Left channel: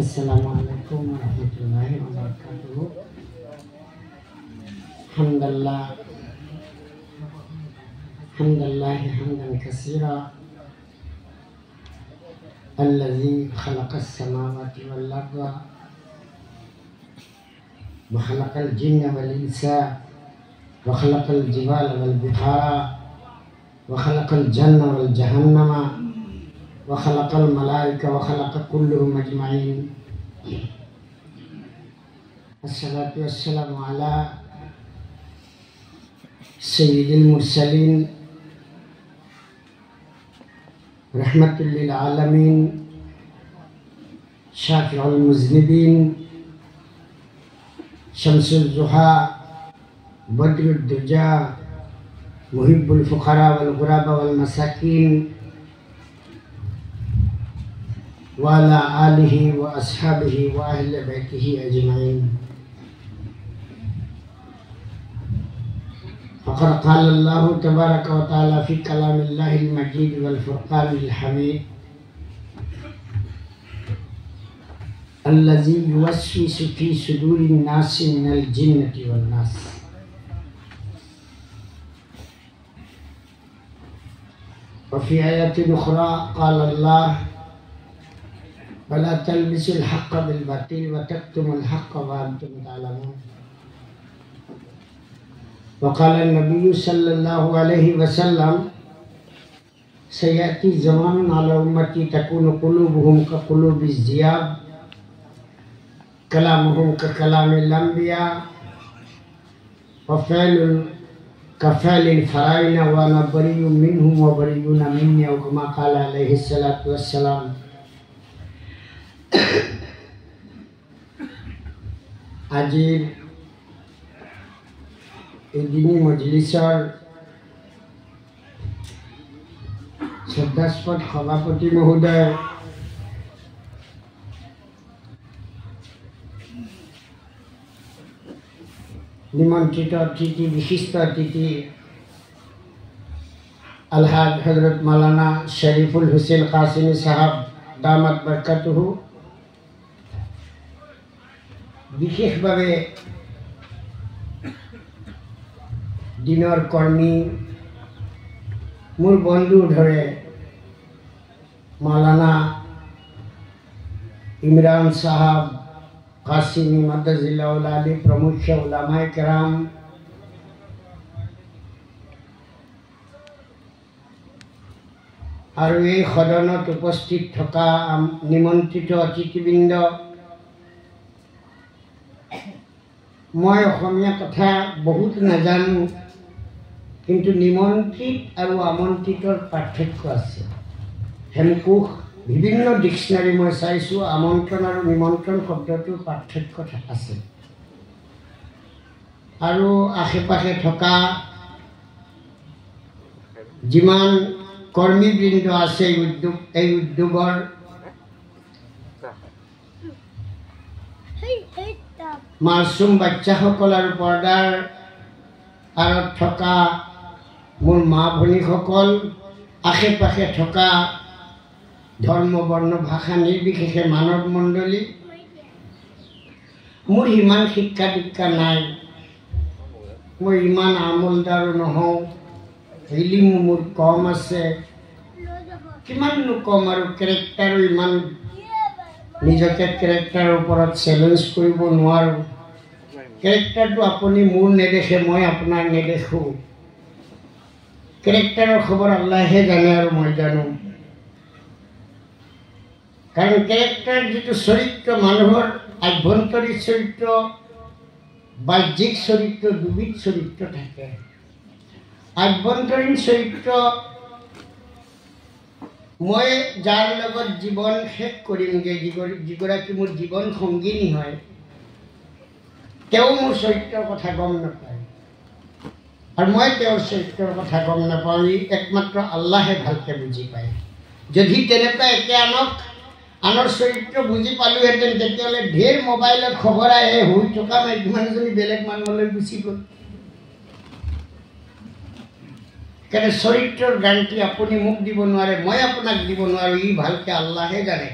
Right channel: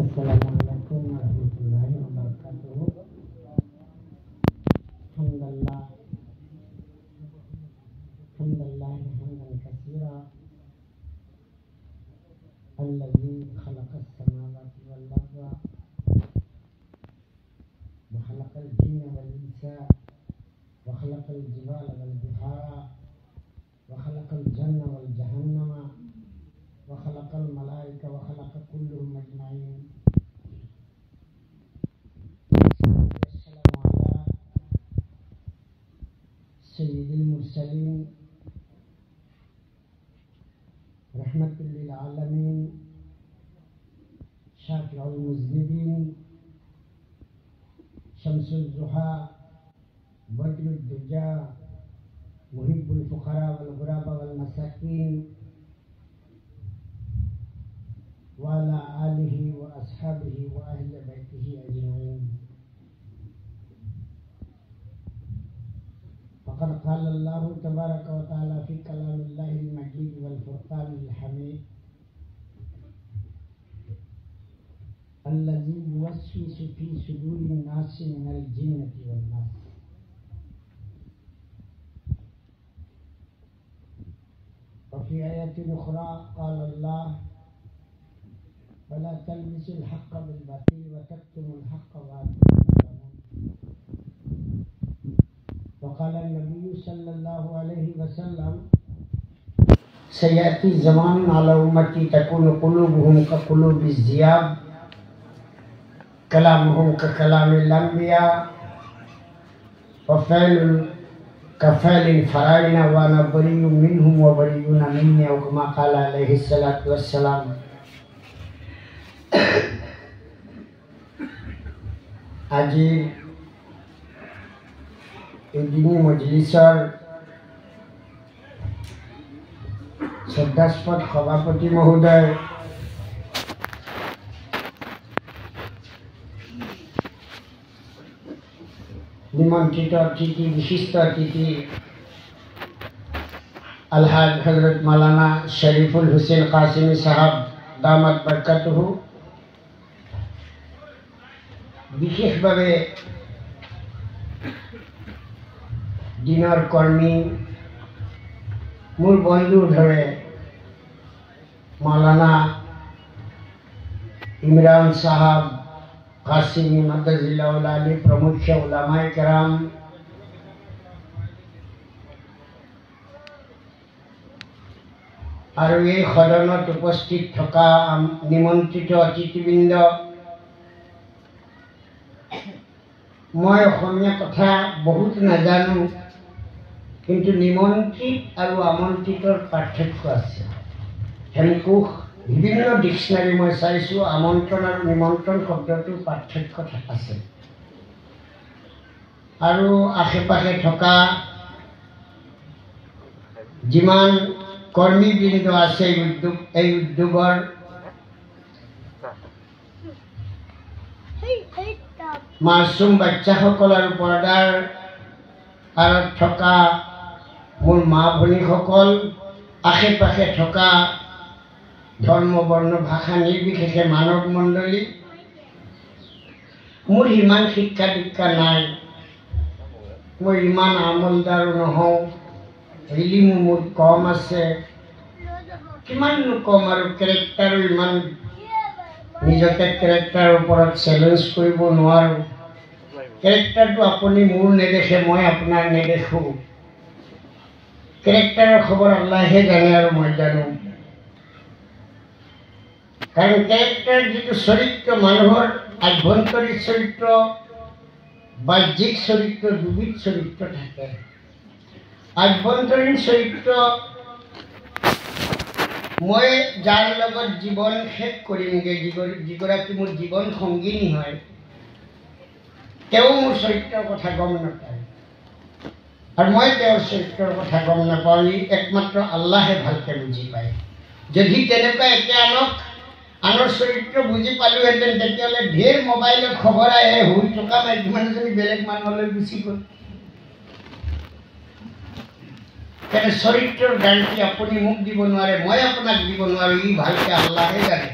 Assalamualaikum warahmatullahi wabarakatuh. Hamdalillah hamdan katsira allazi khalaqas samawati wal arda wa khalaqal jinna wal insa wa khalaqal jibala wal bihara wa khalaqal janna wal jahannama wa khalaqal malaika wa khalaqa kulluhum ajma'in. Assalatu wassalamu ala sayyidil mursalin rahmatul lil alamin syafi'ul muznibin syamsul zuha badrud duja muhibbul fuqara wal ghuraba wal masakin wa ala alihi wa ashabihi wa ahli baitihi ajma'in. Faqad qala Allah tabaraka wa ta'ala fi kalamillahil majid wal furqanil hamid allazi yuwaswisu fi sudurin nasi minal jinnati wan nas. Wa fi ayatin ukhra qala Allah wala talbisul haqqa bil batil wa taktumul haqqa wa antum ta'lamun. Wa qala an-nabiy sallallahu alaihi wasallam sayati zamanun ala ummati takunu qulubuhum ka qulubiz ziyab kalamuhum ka kalamil anbiya wa fa'lun ka fa'lil faraina wa ana bari'un minhum wa bari'una minni aw kama qala alaihi salatu wassalam. আজিৰ এদিনী মজলিছৰ শ্ৰদ্ধাস্পদ সভাপতি মহোদয়, নিমন্ত্ৰিত অতিথি, বিশিষ্ট অতিথি আলহাজ হজৰত মাওলানা শৰীফুল হুসেন কাসিমি সাহাব দামাত বৰকাতুহু, বিশেষভাৱে দিনৰ কৰ্মী মোৰ বন্ধুৰ ধৰে মাওলানা ইমৰান সাহাব কাসিমি মাদাজিল্লাহুল আলী প্ৰমুখ উলামায়ে কেৰাম, আৰু এই সদনত উপস্থিত থকা নিমন্ত্ৰিত অতিথিবৃন্দ, মই অসমীয়া কথা বহুত নাজানো, কিন্তু নিমন্ত্ৰিত আৰু আমন্ত্ৰিতৰ পাৰ্থক্য আছে। হেমকোষ বিভিন্ন ডিক্সনাৰী মই চাইছোঁ, আমন্ত্ৰণ আৰু নিমন্ত্ৰণ শব্দটোৰ পাৰ্থক্য আছে। আৰু আশে পাশে থকা যিমান কৰ্মীবৃন্দ আছে এই উদ্যোগৰ, মাছুম বাচ্চাসকল আৰু পৰ্দাৰ আঁৰত থকা মোৰ মা ভনীসকল, আশে পাশে থকা ধৰ্ম বৰ্ণ ভাষা নিৰ্বিশেষে মানৱ মণ্ডলী, মোৰ ইমান শিক্ষা দীক্ষা নাই, মই ইমান আমলদাৰো নহওঁ, ইলিমো মোৰ কম আছে, কিমাননো কম, আৰু কেৰেক্টাৰো ইমান নিজকে কেৰেক্টাৰৰ ওপৰত চেলেঞ্জ কৰিব নোৱাৰোঁ। কেৰেক্টাৰটো আপুনি মোৰ নেদেখে, মই আপোনাৰ নেদেখোঁ। কেৰেক্টাৰৰ খবৰ আল্লাহে জানে আৰু মই জানো। কাৰণ কেৰেক্টাৰ যিটো চৰিত্ৰ, মানুহৰ আভ্যন্তৰীণ চৰিত্ৰ, বাহ্যিক চৰিত্ৰ, দুবিধ চৰিত্ৰ থাকে। আভ্যন্তৰীণ চৰিত্ৰ, মই যাৰ লগত জীৱন শেষ কৰিমগৈ, যিগৰাকী মোৰ জীৱন সংগিনী হয়, তেওঁ মোৰ চৰিত্ৰৰ কথা গম নাপায়, আৰু মই তেওঁৰ চৰিত্ৰৰ কথা গম নাপাওঁ। একমাত্ৰ আল্লাহে ভালকৈ বুজি পায়। যদি তেনেকুৱা একে আনৰ চৰিত্ৰ বুজি পালোহেঁতেন, তেতিয়াহ'লে ঢেৰ মোবাইলত খবৰ আহে, শুই থকা মাইকী মানুহজনী বেলেগ মানুহলৈ গুচি গ'ল। তেনে চৰিত্ৰৰ গানটি আপুনি মোক দিব নোৱাৰে, মই আপোনাক দিব নোৱাৰোঁ, ই ভালকৈ আল্লাহে জানে।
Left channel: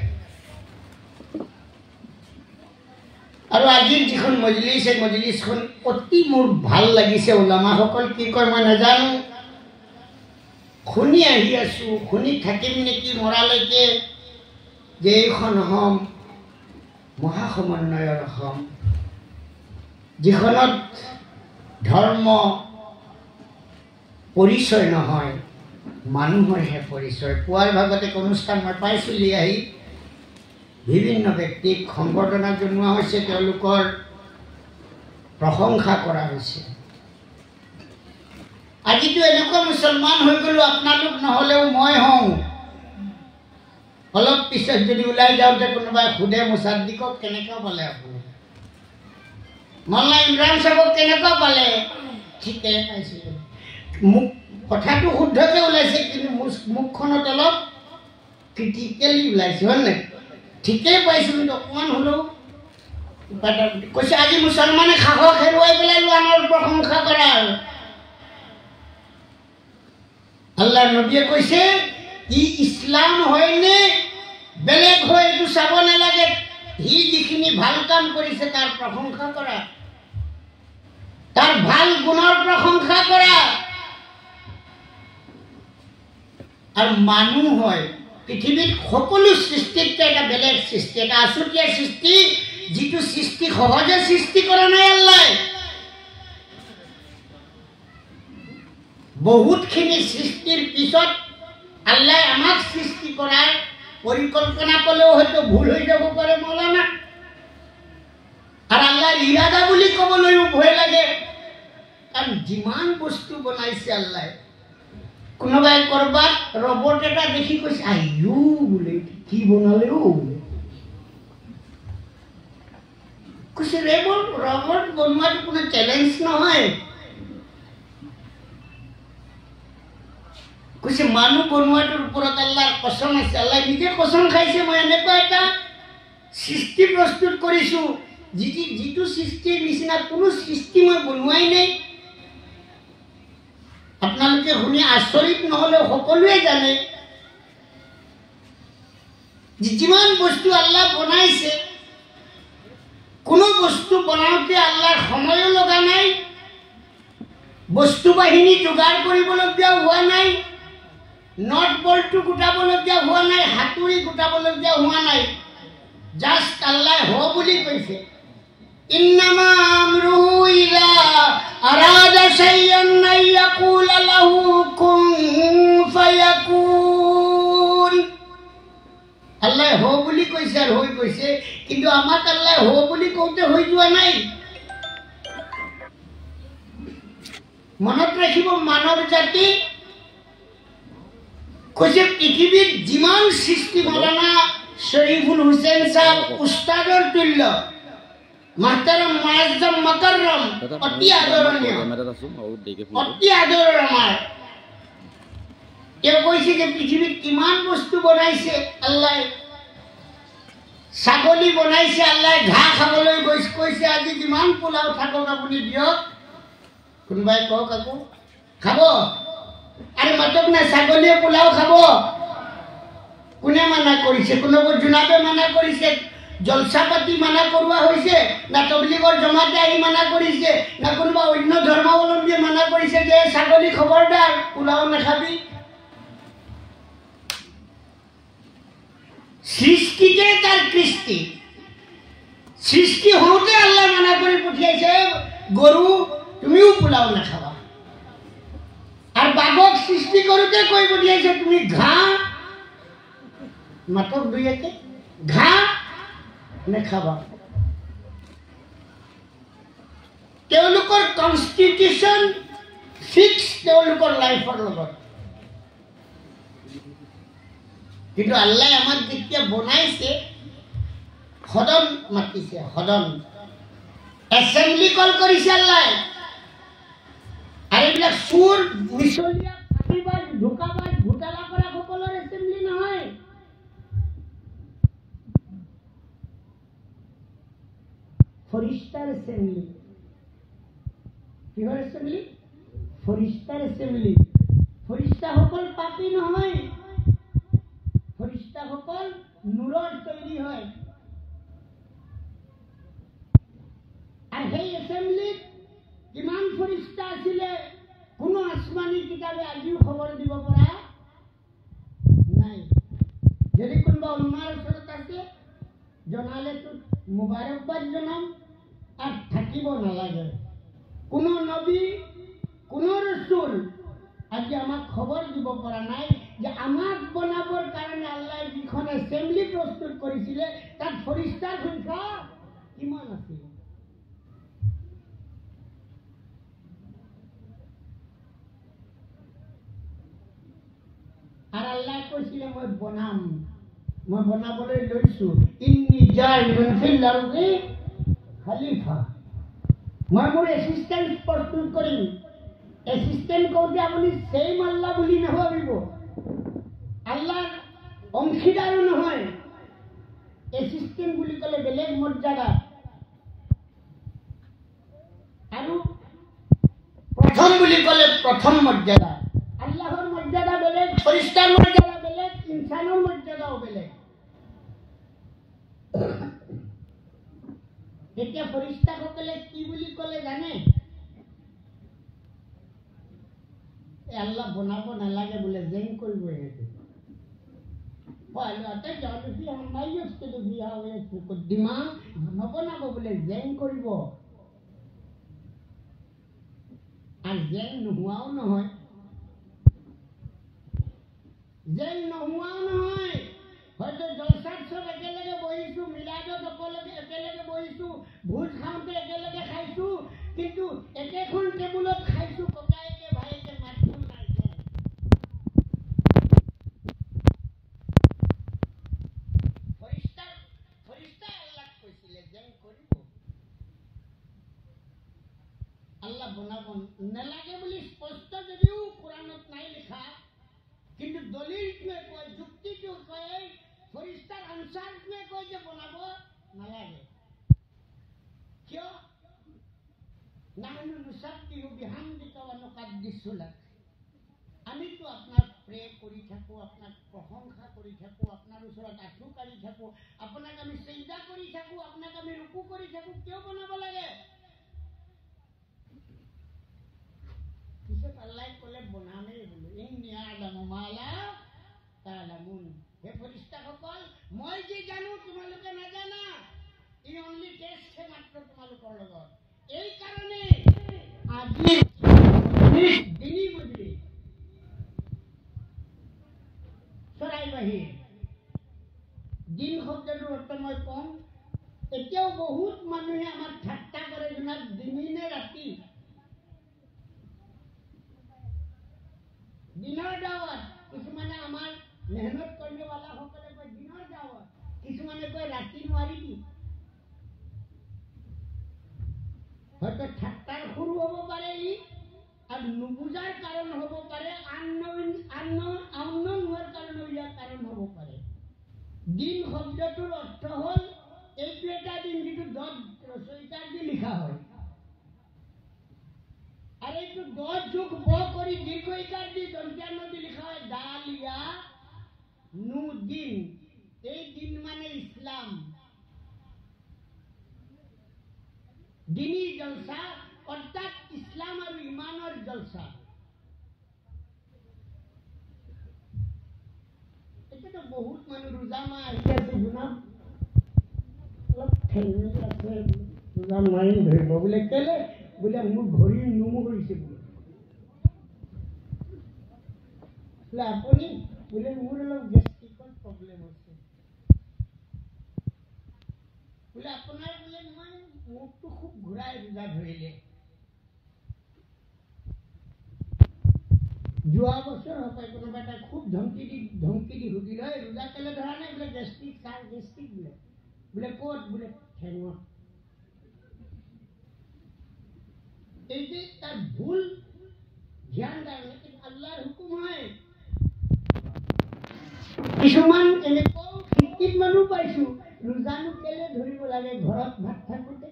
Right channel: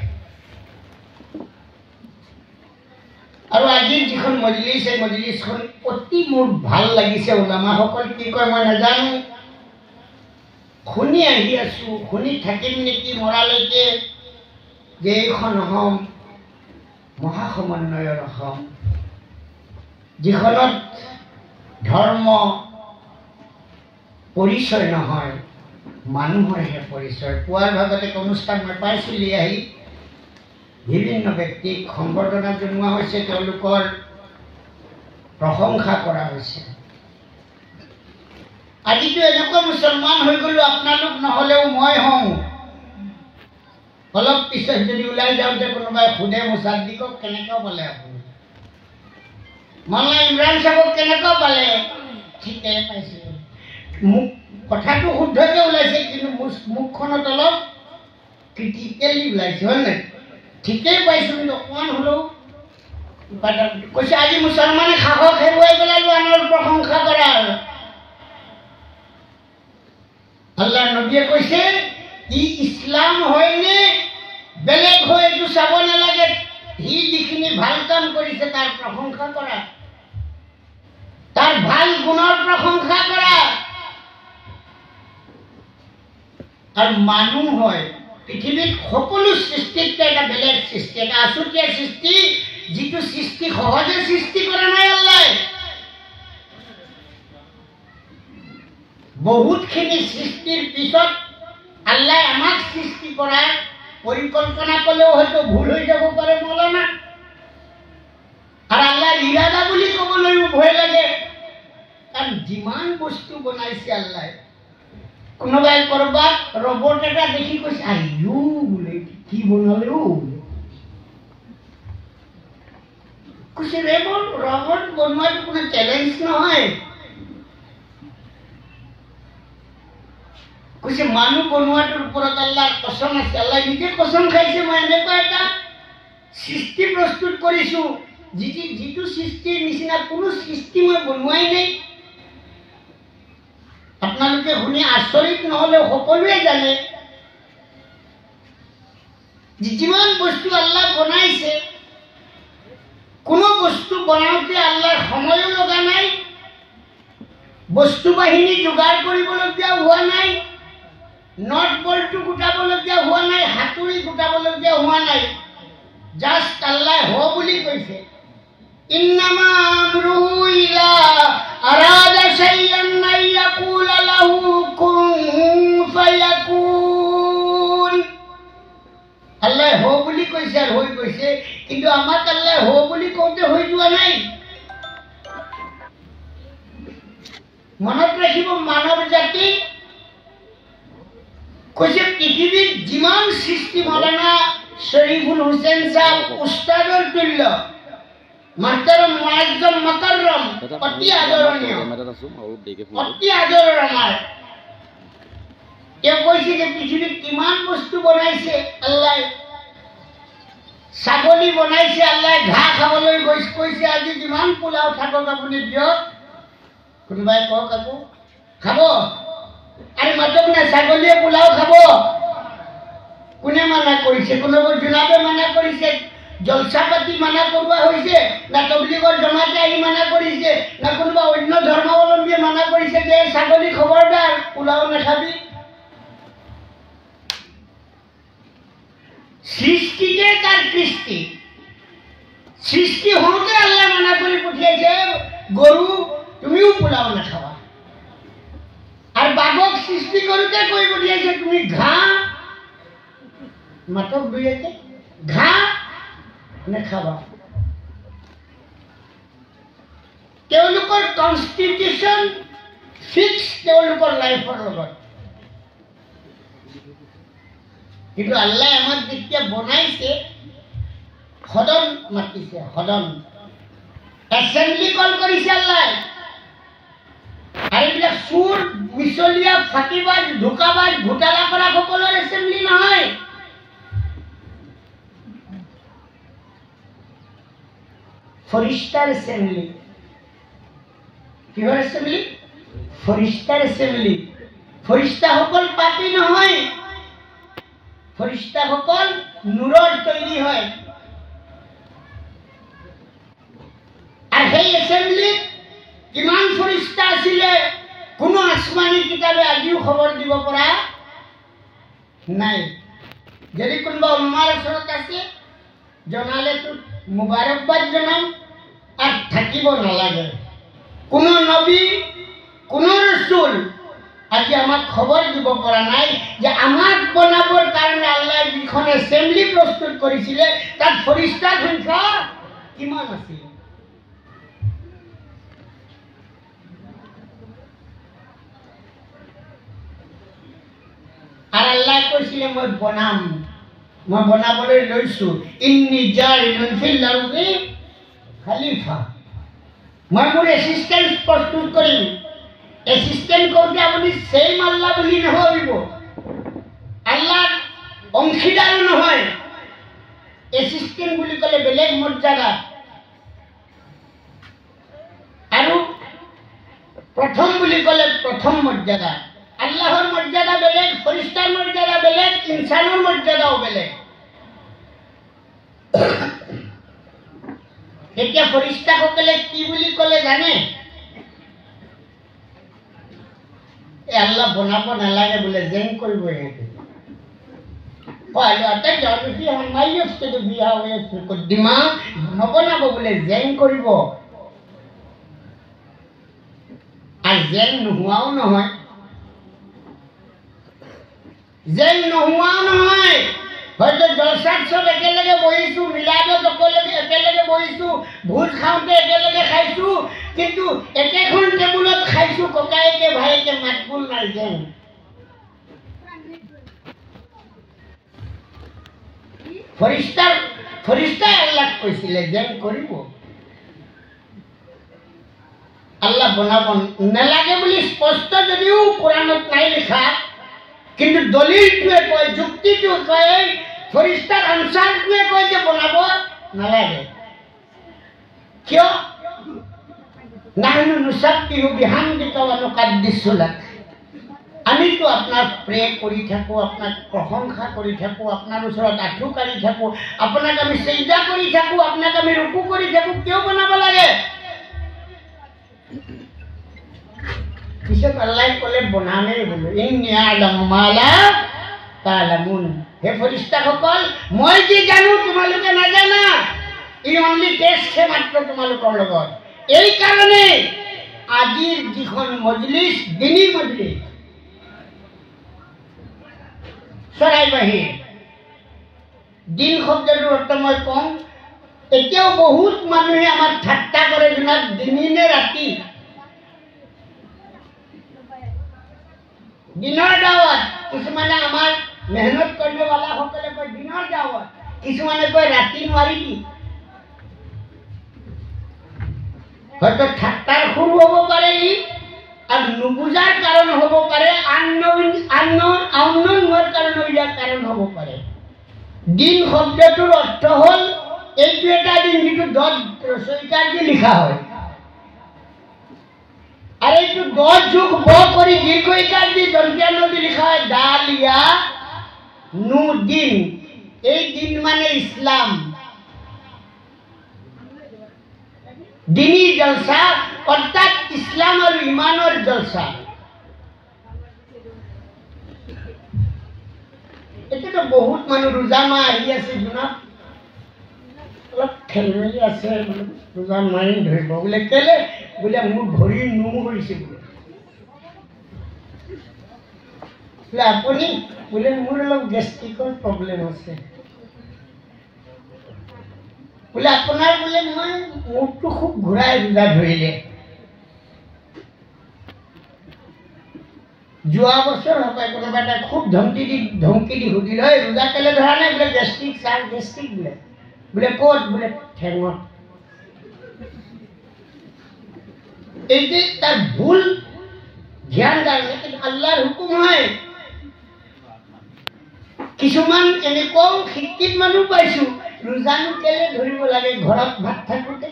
আৰু আজিৰ যিখন মজলিছ এই মজলিছখন অতি মোৰ ভাল লাগিছে। ওলামাসকল কি কয় মই নাজানো, শুনি আহি আছোঁ, শুনি থাকিম নেকি মৰালৈকে, যে এইখন অসম মহাসমন্বয়ৰ অসম, যিখনত ধৰ্ম পৰিচয় নহয়, মানুহৰহে পৰিচয়। পুৱাৰ ভাগত এক অনুষ্ঠান মই পাইছিলোঁ, আহি বিভিন্ন ব্যক্তিক সম্বৰ্ধনা জনোৱা হৈছে, তেওঁলোকৰ প্ৰশংসা কৰা হৈছে। আজিতো এনেকুৱা মুছলমান হৈ গ'লো, আপোনালোক নহ'লেও মই হওঁ। অলপ পিছত যদি ওলাই যাওঁতে কোনোবাই সোধে মুছাদ্দিকক কেনেকুৱা পালে আপুনি, মৌলানা ইমৰান চাহাবক কেনেকুৱা পালে, ঠিকে পাইছিলোঁ। মোক কথাটো শুদ্ধকৈ ওলাইছে, কিন্তু মুখখনত অলপ ক্ৰিটিকেলি ওলাইছে, হয় নাই? ঠিকেই পাইছোঁ, কিন্তু অকণমান হ'লেও কৈছে আজি মুছলমানে সাহস হেৰুৱাই পেলাইও আনৰ প্ৰশংসা কৰাৰ। আল্লাহ নবীয়ে কৈছে ই ইছলাম হয়নে বেলেগ হয় এইটো চাব নালাগে, সি যিখিনি ভাল কাম কৰিছে তাৰ প্ৰশংসা কৰা, তাৰ ভাল গুণৰ প্ৰশংসা কৰা। আৰু মানুহ হয় পৃথিৱীত সকলো সৃষ্টিতকৈ এটা বেলেগ সৃষ্টি, এটা আছুতীয়া সৃষ্টি, যিটো সৃষ্টি সহজে সৃষ্টি কৰা নাই আল্লাহ। বহুতখিনি সৃষ্টিৰ পিছত আল্লাহ আমাক সৃষ্টি কৰাৰ পৰিকল্পনা ক'লেও হয়তো ভুল হৈ যাব পাৰে মৌলানা। আৰু আল্লাহৰ ইৰাদা বুলি ক'বলৈও ভয় লাগে, কাৰণ যিমান বস্তু বনাইছে আল্লাহ, কোনোবাই কৰবাত ৰবট এটা দেখি কৈছে আইও বোলে কি বনালে ও, কৈছে ৰবট বনোৱাটো কোনো চেলেঞ্জ নহয়। কৈছে মানুহ বনোৱাটোৰ ওপৰত আল্লাহৰ কসম আছে, আল্লাহ নিজে কসম খাইছে মই এনেকুৱা এটা সৃষ্টি প্ৰস্তুত কৰিছো যিটো সৃষ্টিৰ নিচিনা কোনো সৃষ্টি মই বনোৱাই নাই। আপোনালোকে শুনি আচৰিত নহ'লে সকলোৱে জানে যিমান বস্তু আল্লাহ বনাইছে, কোনো বস্তু বনাওঁতে আল্লাহৰ সময়ো লগা নাই, বস্তু বাহিনী যোগাৰ কৰিবলগীয়া হোৱা নাই, নট বলটো গোটাবলগীয়া হোৱা নাই, হাতুৰি গোটাবলগীয়া হোৱা নাই। জাষ্ট আল্লাহ হ বুলি কৈছে, ইন্নামা আমৰুহু ইযা আৰাদা শাইআন আন ইয়াকুলা লাহু কুন ফায়াকুন। আল্লাহ হ বুলি কৈছে আৰু হৈ গৈছে, কিন্তু আমাক আল্লাহ হ বুলি কওঁতে হৈ যোৱা নাই। মনত ৰাখিব মানৱ জাতি কৈছে পৃথিৱীত যিমান সৃষ্টি, মৌলানা শৰীফুল হুছেইন সাহেব উস্তাদৰ তুল্য, মাহতাৰম মুআজ্জম মুকাৰৰম, অতি আদৰণীয়, অতি আদৰৰ আমাৰ। তেওঁ কৈছে যে পৃথিৱীত কিমান বস্তু বনাইছে আল্লাহ। ছাগলী বনাইছে আল্লাহ, ঘাঁহ খাবলৈ কৈছে আজি যিমান পোলাও থাকক আপুনি দিয়ক, কোনোবাই কওক আকৌ খাব, আরে মাতক না, ছাগলীয়ে পোলাও খাব, কোনে মানা কৰিছে? কোনোবা জোনাবে মানা কৰিছে, জলসা পাতি মানা কৰোৱা হৈছে, না তবলিগৰ জমাতে আহি মানা কৰিছে, না কোনোবা অন্য ধৰ্মাৱলম্বীয়ে মানা কৰিছে যে ছাগলী খবৰদাৰ পোলাও নাখাবি? সৃষ্টিতে তাৰ কৃষ্টি, সৃষ্টি হওঁতে আল্লাহ মানা কৰি পঠিয়াইছে গৰু তুমিও পোলাও নাখাবা। আৰ বাঘক সৃষ্টি কৰতে কই পঠিয়াইছে তুমি ঘাঁহ মাতক দুইকে ঘাঁহ নাখাবা। তেওঁলোকৰ কনস্টিটিউশন ফিক্স তেওঁলোকৰ লাইফৰ লগত, কিন্তু আল্লাহ আমাক যেতিয়া বনাইছে সদন মাতিছে, সদন এছেম্বলি কল কৰিছে আল্লাহ। আৰু এইবিলাক চুৰ মিছলীয়া ফাঁকিবাজ ধোকাবাজ ঘোটালা কৰা সকলৰ এছেম্বলি নহয়, ফৰিষ্টাৰ এছেম্বলি। কিহৰ এছেম্বলি? ফৰিষ্টাৰ এছেম্বলি। ফৰিষ্টাসকল পাপী নহয়, ফৰিষ্টাসকল নূৰৰ তৈৰি হয়। কিতাবে আজিও খবৰ দিব পৰা নাই। যদি কোনোবা উম্মাৰ ওচৰত আছে জনালেতো মুবাৰকবাদ জনাম আৰু থাকিব নালাগে। কোনো নবী কোনো ৰসুল আজি আমাক খবৰ দিব পৰা নাই যে আমাক বনাবৰ কাৰণে আল্লাহ যিখন এছেম্বলি প্ৰস্তুত কৰিছিলে তাত ফৰিষ্টাৰ সংখ্যা কিমান আছিল। আৰু আল্লাহ কৈছিলে মই বনাবলৈ লৈছো, ইন্নী জাইলুন ফিল আৰদি খলিফা। মই মোৰ এছিষ্টেণ্ট প্ৰস্তুত কৰিম। এছিষ্টেণ্ট কৰোঁতে আপুনি ছেইম আল্লাহ বুলি নভাবিব, আল্লাহৰ অংশীদাৰো নহয়। এছিষ্টেণ্ট বুলি ক'লে বেলেগ মৰ্যাদা, আৰু প্ৰথম বুলি ক'লে প্ৰথম মৰ্যাদা। আল্লাহৰ মৰ্যাদা বেলেগ, ফৰিষ্টাৰ মৰ্যাদা বেলেগ, ইনচানৰ মৰ্যাদাও বেলেগ। এতিয়া ফৰিষ্টাসকলে কি বুলি ক'লে জানে? আল্লাহ বনাব নালাগে বোলে, জেং কৰিব ইহঁতে। নবনাব বোলে, জেং কৰিব। আৰু জেং নোহোৱাও নহয়, হয়তো জলসাত চব একেলগে বহিছো, মিলাদত একেলগে বহিছো, ভোজ খাওঁতে একেলগে খাইছো, কিন্তু একেখন টেবুলত খাইছো, ককায়েকে ভাইকে মাতবোল নাই। জেং ফৰিষ্টাই আল্লাহক কৈছিলে জেং কৰিব। আল্লাহ বনাব নালাগে বুলি স্পষ্ট যদিও কোৰাণত নাই লিখা, কিন্তু দলিলটোৱে কয়, যুক্তিটোৱে কয়, ফৰিষ্টাৰ আনচাৰটোৱে কয় যে বনাব নালাগে। কিয়? নাহনু নুসাব্বিহু বিহামদিকা ওয়া নুকাদ্দিসু লাক। আমিতো আপোনাক প্ৰে কৰি থাকোঁ, আপোনাক প্ৰশংসা কৰি থাকোঁ, আপোনাৰ ওচৰত আঁঠু কাঢ়ি থাকোঁ, আপোনাক আমি চিজদা কৰি থাকোঁ, আপোনাক আমি ৰুকু কৰি থাকোঁ। কিয় বনাব লাগে? পিছত আল্লাহ ক'লে বনামেই বোলো, ইন্নী আ'লামু মা লা তা'লামুন। হে ফৰিষ্টাসকল, মই যি জানো তোমালোকে নাজানা। ই অনলি টেষ্ট মাত্ৰ তোমালোকৰ লগত। এই কাৰণে আজিৰ যিখন মজলিছ, দিনী মজলিছ, চৰাই বাহিৰ দিন শব্দটোৰ অৰ্থ মই কওঁ, এতিয়াও বহুত মানুহে আমাক ঠাট্টা কৰে, জনাত দিনী নে ৰাতি। দিনৰ দাৱত, কিছুমানে আমাৰ মেহনত কৰিবৱালাসকলে কয় দিনৰ দাৱত, কিছুমানে কয় ৰাতি নোৱাৰিবি। হয়তো ঠাট্টাৰ সুৰ হ'ব পাৰে ই, আৰু নুবুজাৰ কাৰণ হ'ব পাৰে, আউননোৱাৰ কাৰণ হ'ব পাৰে। দিন শব্দটোৰ অৰ্থ হ'ল এইটো এটা দিন যিটো 10 ৰচয়িকাৰ দি লিখা হয়, আৰু এইটো 10 যোগ ব কৰি দীৰ্ঘইকাৰ দি দন্তীয়া নদী লিখা হয়, দাল ইয়া নু দিন। এই দিন মানে ইছলাম, দিনী জলসা, অৰ্থাৎ ইছলাম আৰু ইমানৰ জলসা। এতিয়াতো বহুত মানুহ ৰোজা মাহ আহি আছে, জোনাব অলপ খেলমেলি আছে, ৰোজা মাৰি ধৰিব বোলে। কেলে বোলে? মোৰ ভৰিৰ নোম কৰিছে বোলে। আপুনি বোলে মোৰ অলপ গেষ্ট্ৰিকৰ প্ৰব্লেম আছে বোলে। আপোনাৰ বোলে মই মুখটো খুব ঘূৰাই ৰোজা ধৰিলে। যোৱা বছৰ হপায় কোনোবা এটা খুব ধমকি দি সুধিল, হয় ৰোজা কেলে ধৰা নাই? বোলে গেষ্ট্ৰিক ছাৰ, গেষ্ট্ৰিক বোলে। বোলে ক'ত? বোলে ঠেঙত। এই যে তাৰ ভুল ধ্যান কাৰণে, কিন্তু আল্লাহৰ হুকুম হয়। কিছুমান এনেকুৱাও শিক্ষিত মানুহ পাইছো, ৰোজানো কেলে ধৰিব লাগে ঘৰত ভাত থাকোঁতে?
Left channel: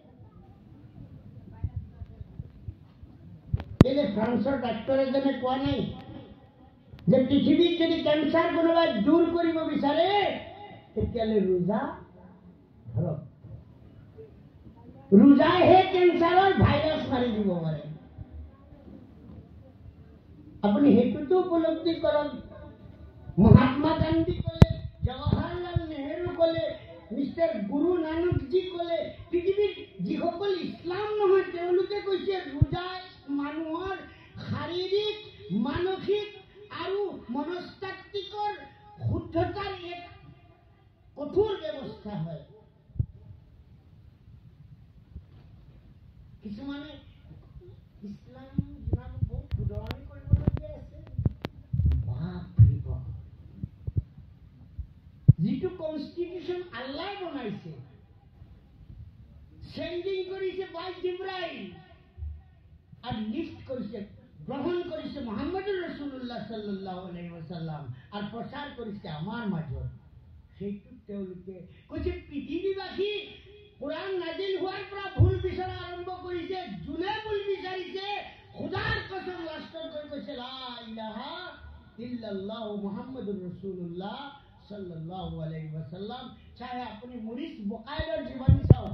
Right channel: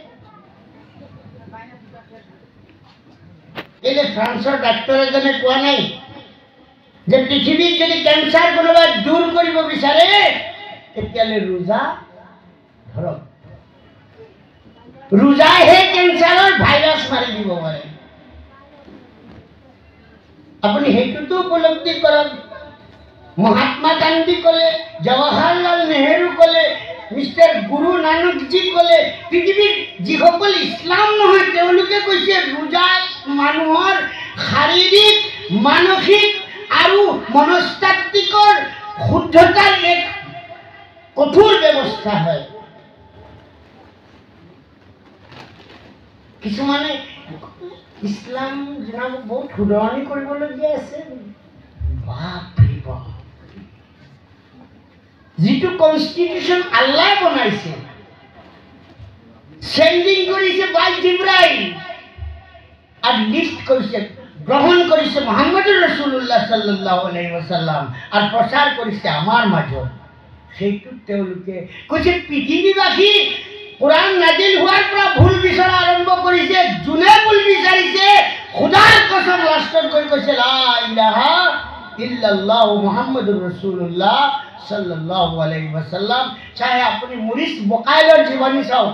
কেলে ফ্ৰান্সৰ ডাক্তৰ এজনে কোৱা নাই যে পৃথিৱীত যদি কেঞ্চাৰ কোনোবাই দূৰ কৰিব বিচাৰে তেতিয়াহ'লে ৰোজা ধৰক। ৰোজাইহে কেঞ্চাৰৰ ভাইৰাছ মাৰি দিব পাৰে। আপুনি সেইটোতো উপলব্ধি কৰক। মহাত্মা গান্ধী ক'লে, জৱাহৰলাল নেহেৰু ক'লে, মিষ্টাৰ গুৰু নানকজী ক'লে, পৃথিৱীৰ যিসকল ইছলাম নহয় তেওঁলোকে কৈছে ৰোজা মানুহৰ শাৰীৰিক, মানসিক আৰু মনস্তাত্ত্বিকৰ শুদ্ধতাৰ এক কঠোৰ ব্যৱস্থা হয়। কিছুমানে ইছলাম জনাব বহুত শুধৰণি কৰিবলগীয়া আছে। বাপৰে বাপ, যিটো কনষ্টিটিউশ্যন আল্লাহ বনাইছে, চেণ্ডিং কৰিছে বাই জিব্ৰাইল আৰু লিষ্ট কৰিছে, গ্ৰহণ কৰিছে মুহাম্মদুৰ ৰাছুলুল্লাহ সাল্লাল্লাহু আলাইহি ওয়াসাল্লাম আৰু প্ৰচাৰ কৰিছে আমাৰ মাজত, সেইটো তেওঁলোকে কৈছে পৃথিৱীবাসী কোরআন নাজিল হওয়ার পর ভুল বিচরা আরম্ভ করেছে। জুনে ভুল বিচারিছে, খুদার কসম লাস্টত কই কইছে লা ইলাহা ইল্লাল্লাহ মুহাম্মাদুর রাসূলুল্লাহ সাল্লাল্লাহু আলাইহি ওয়াসাল্লাম। চাহে আপনি মরিস বকাইলৰ জীবনী চাও,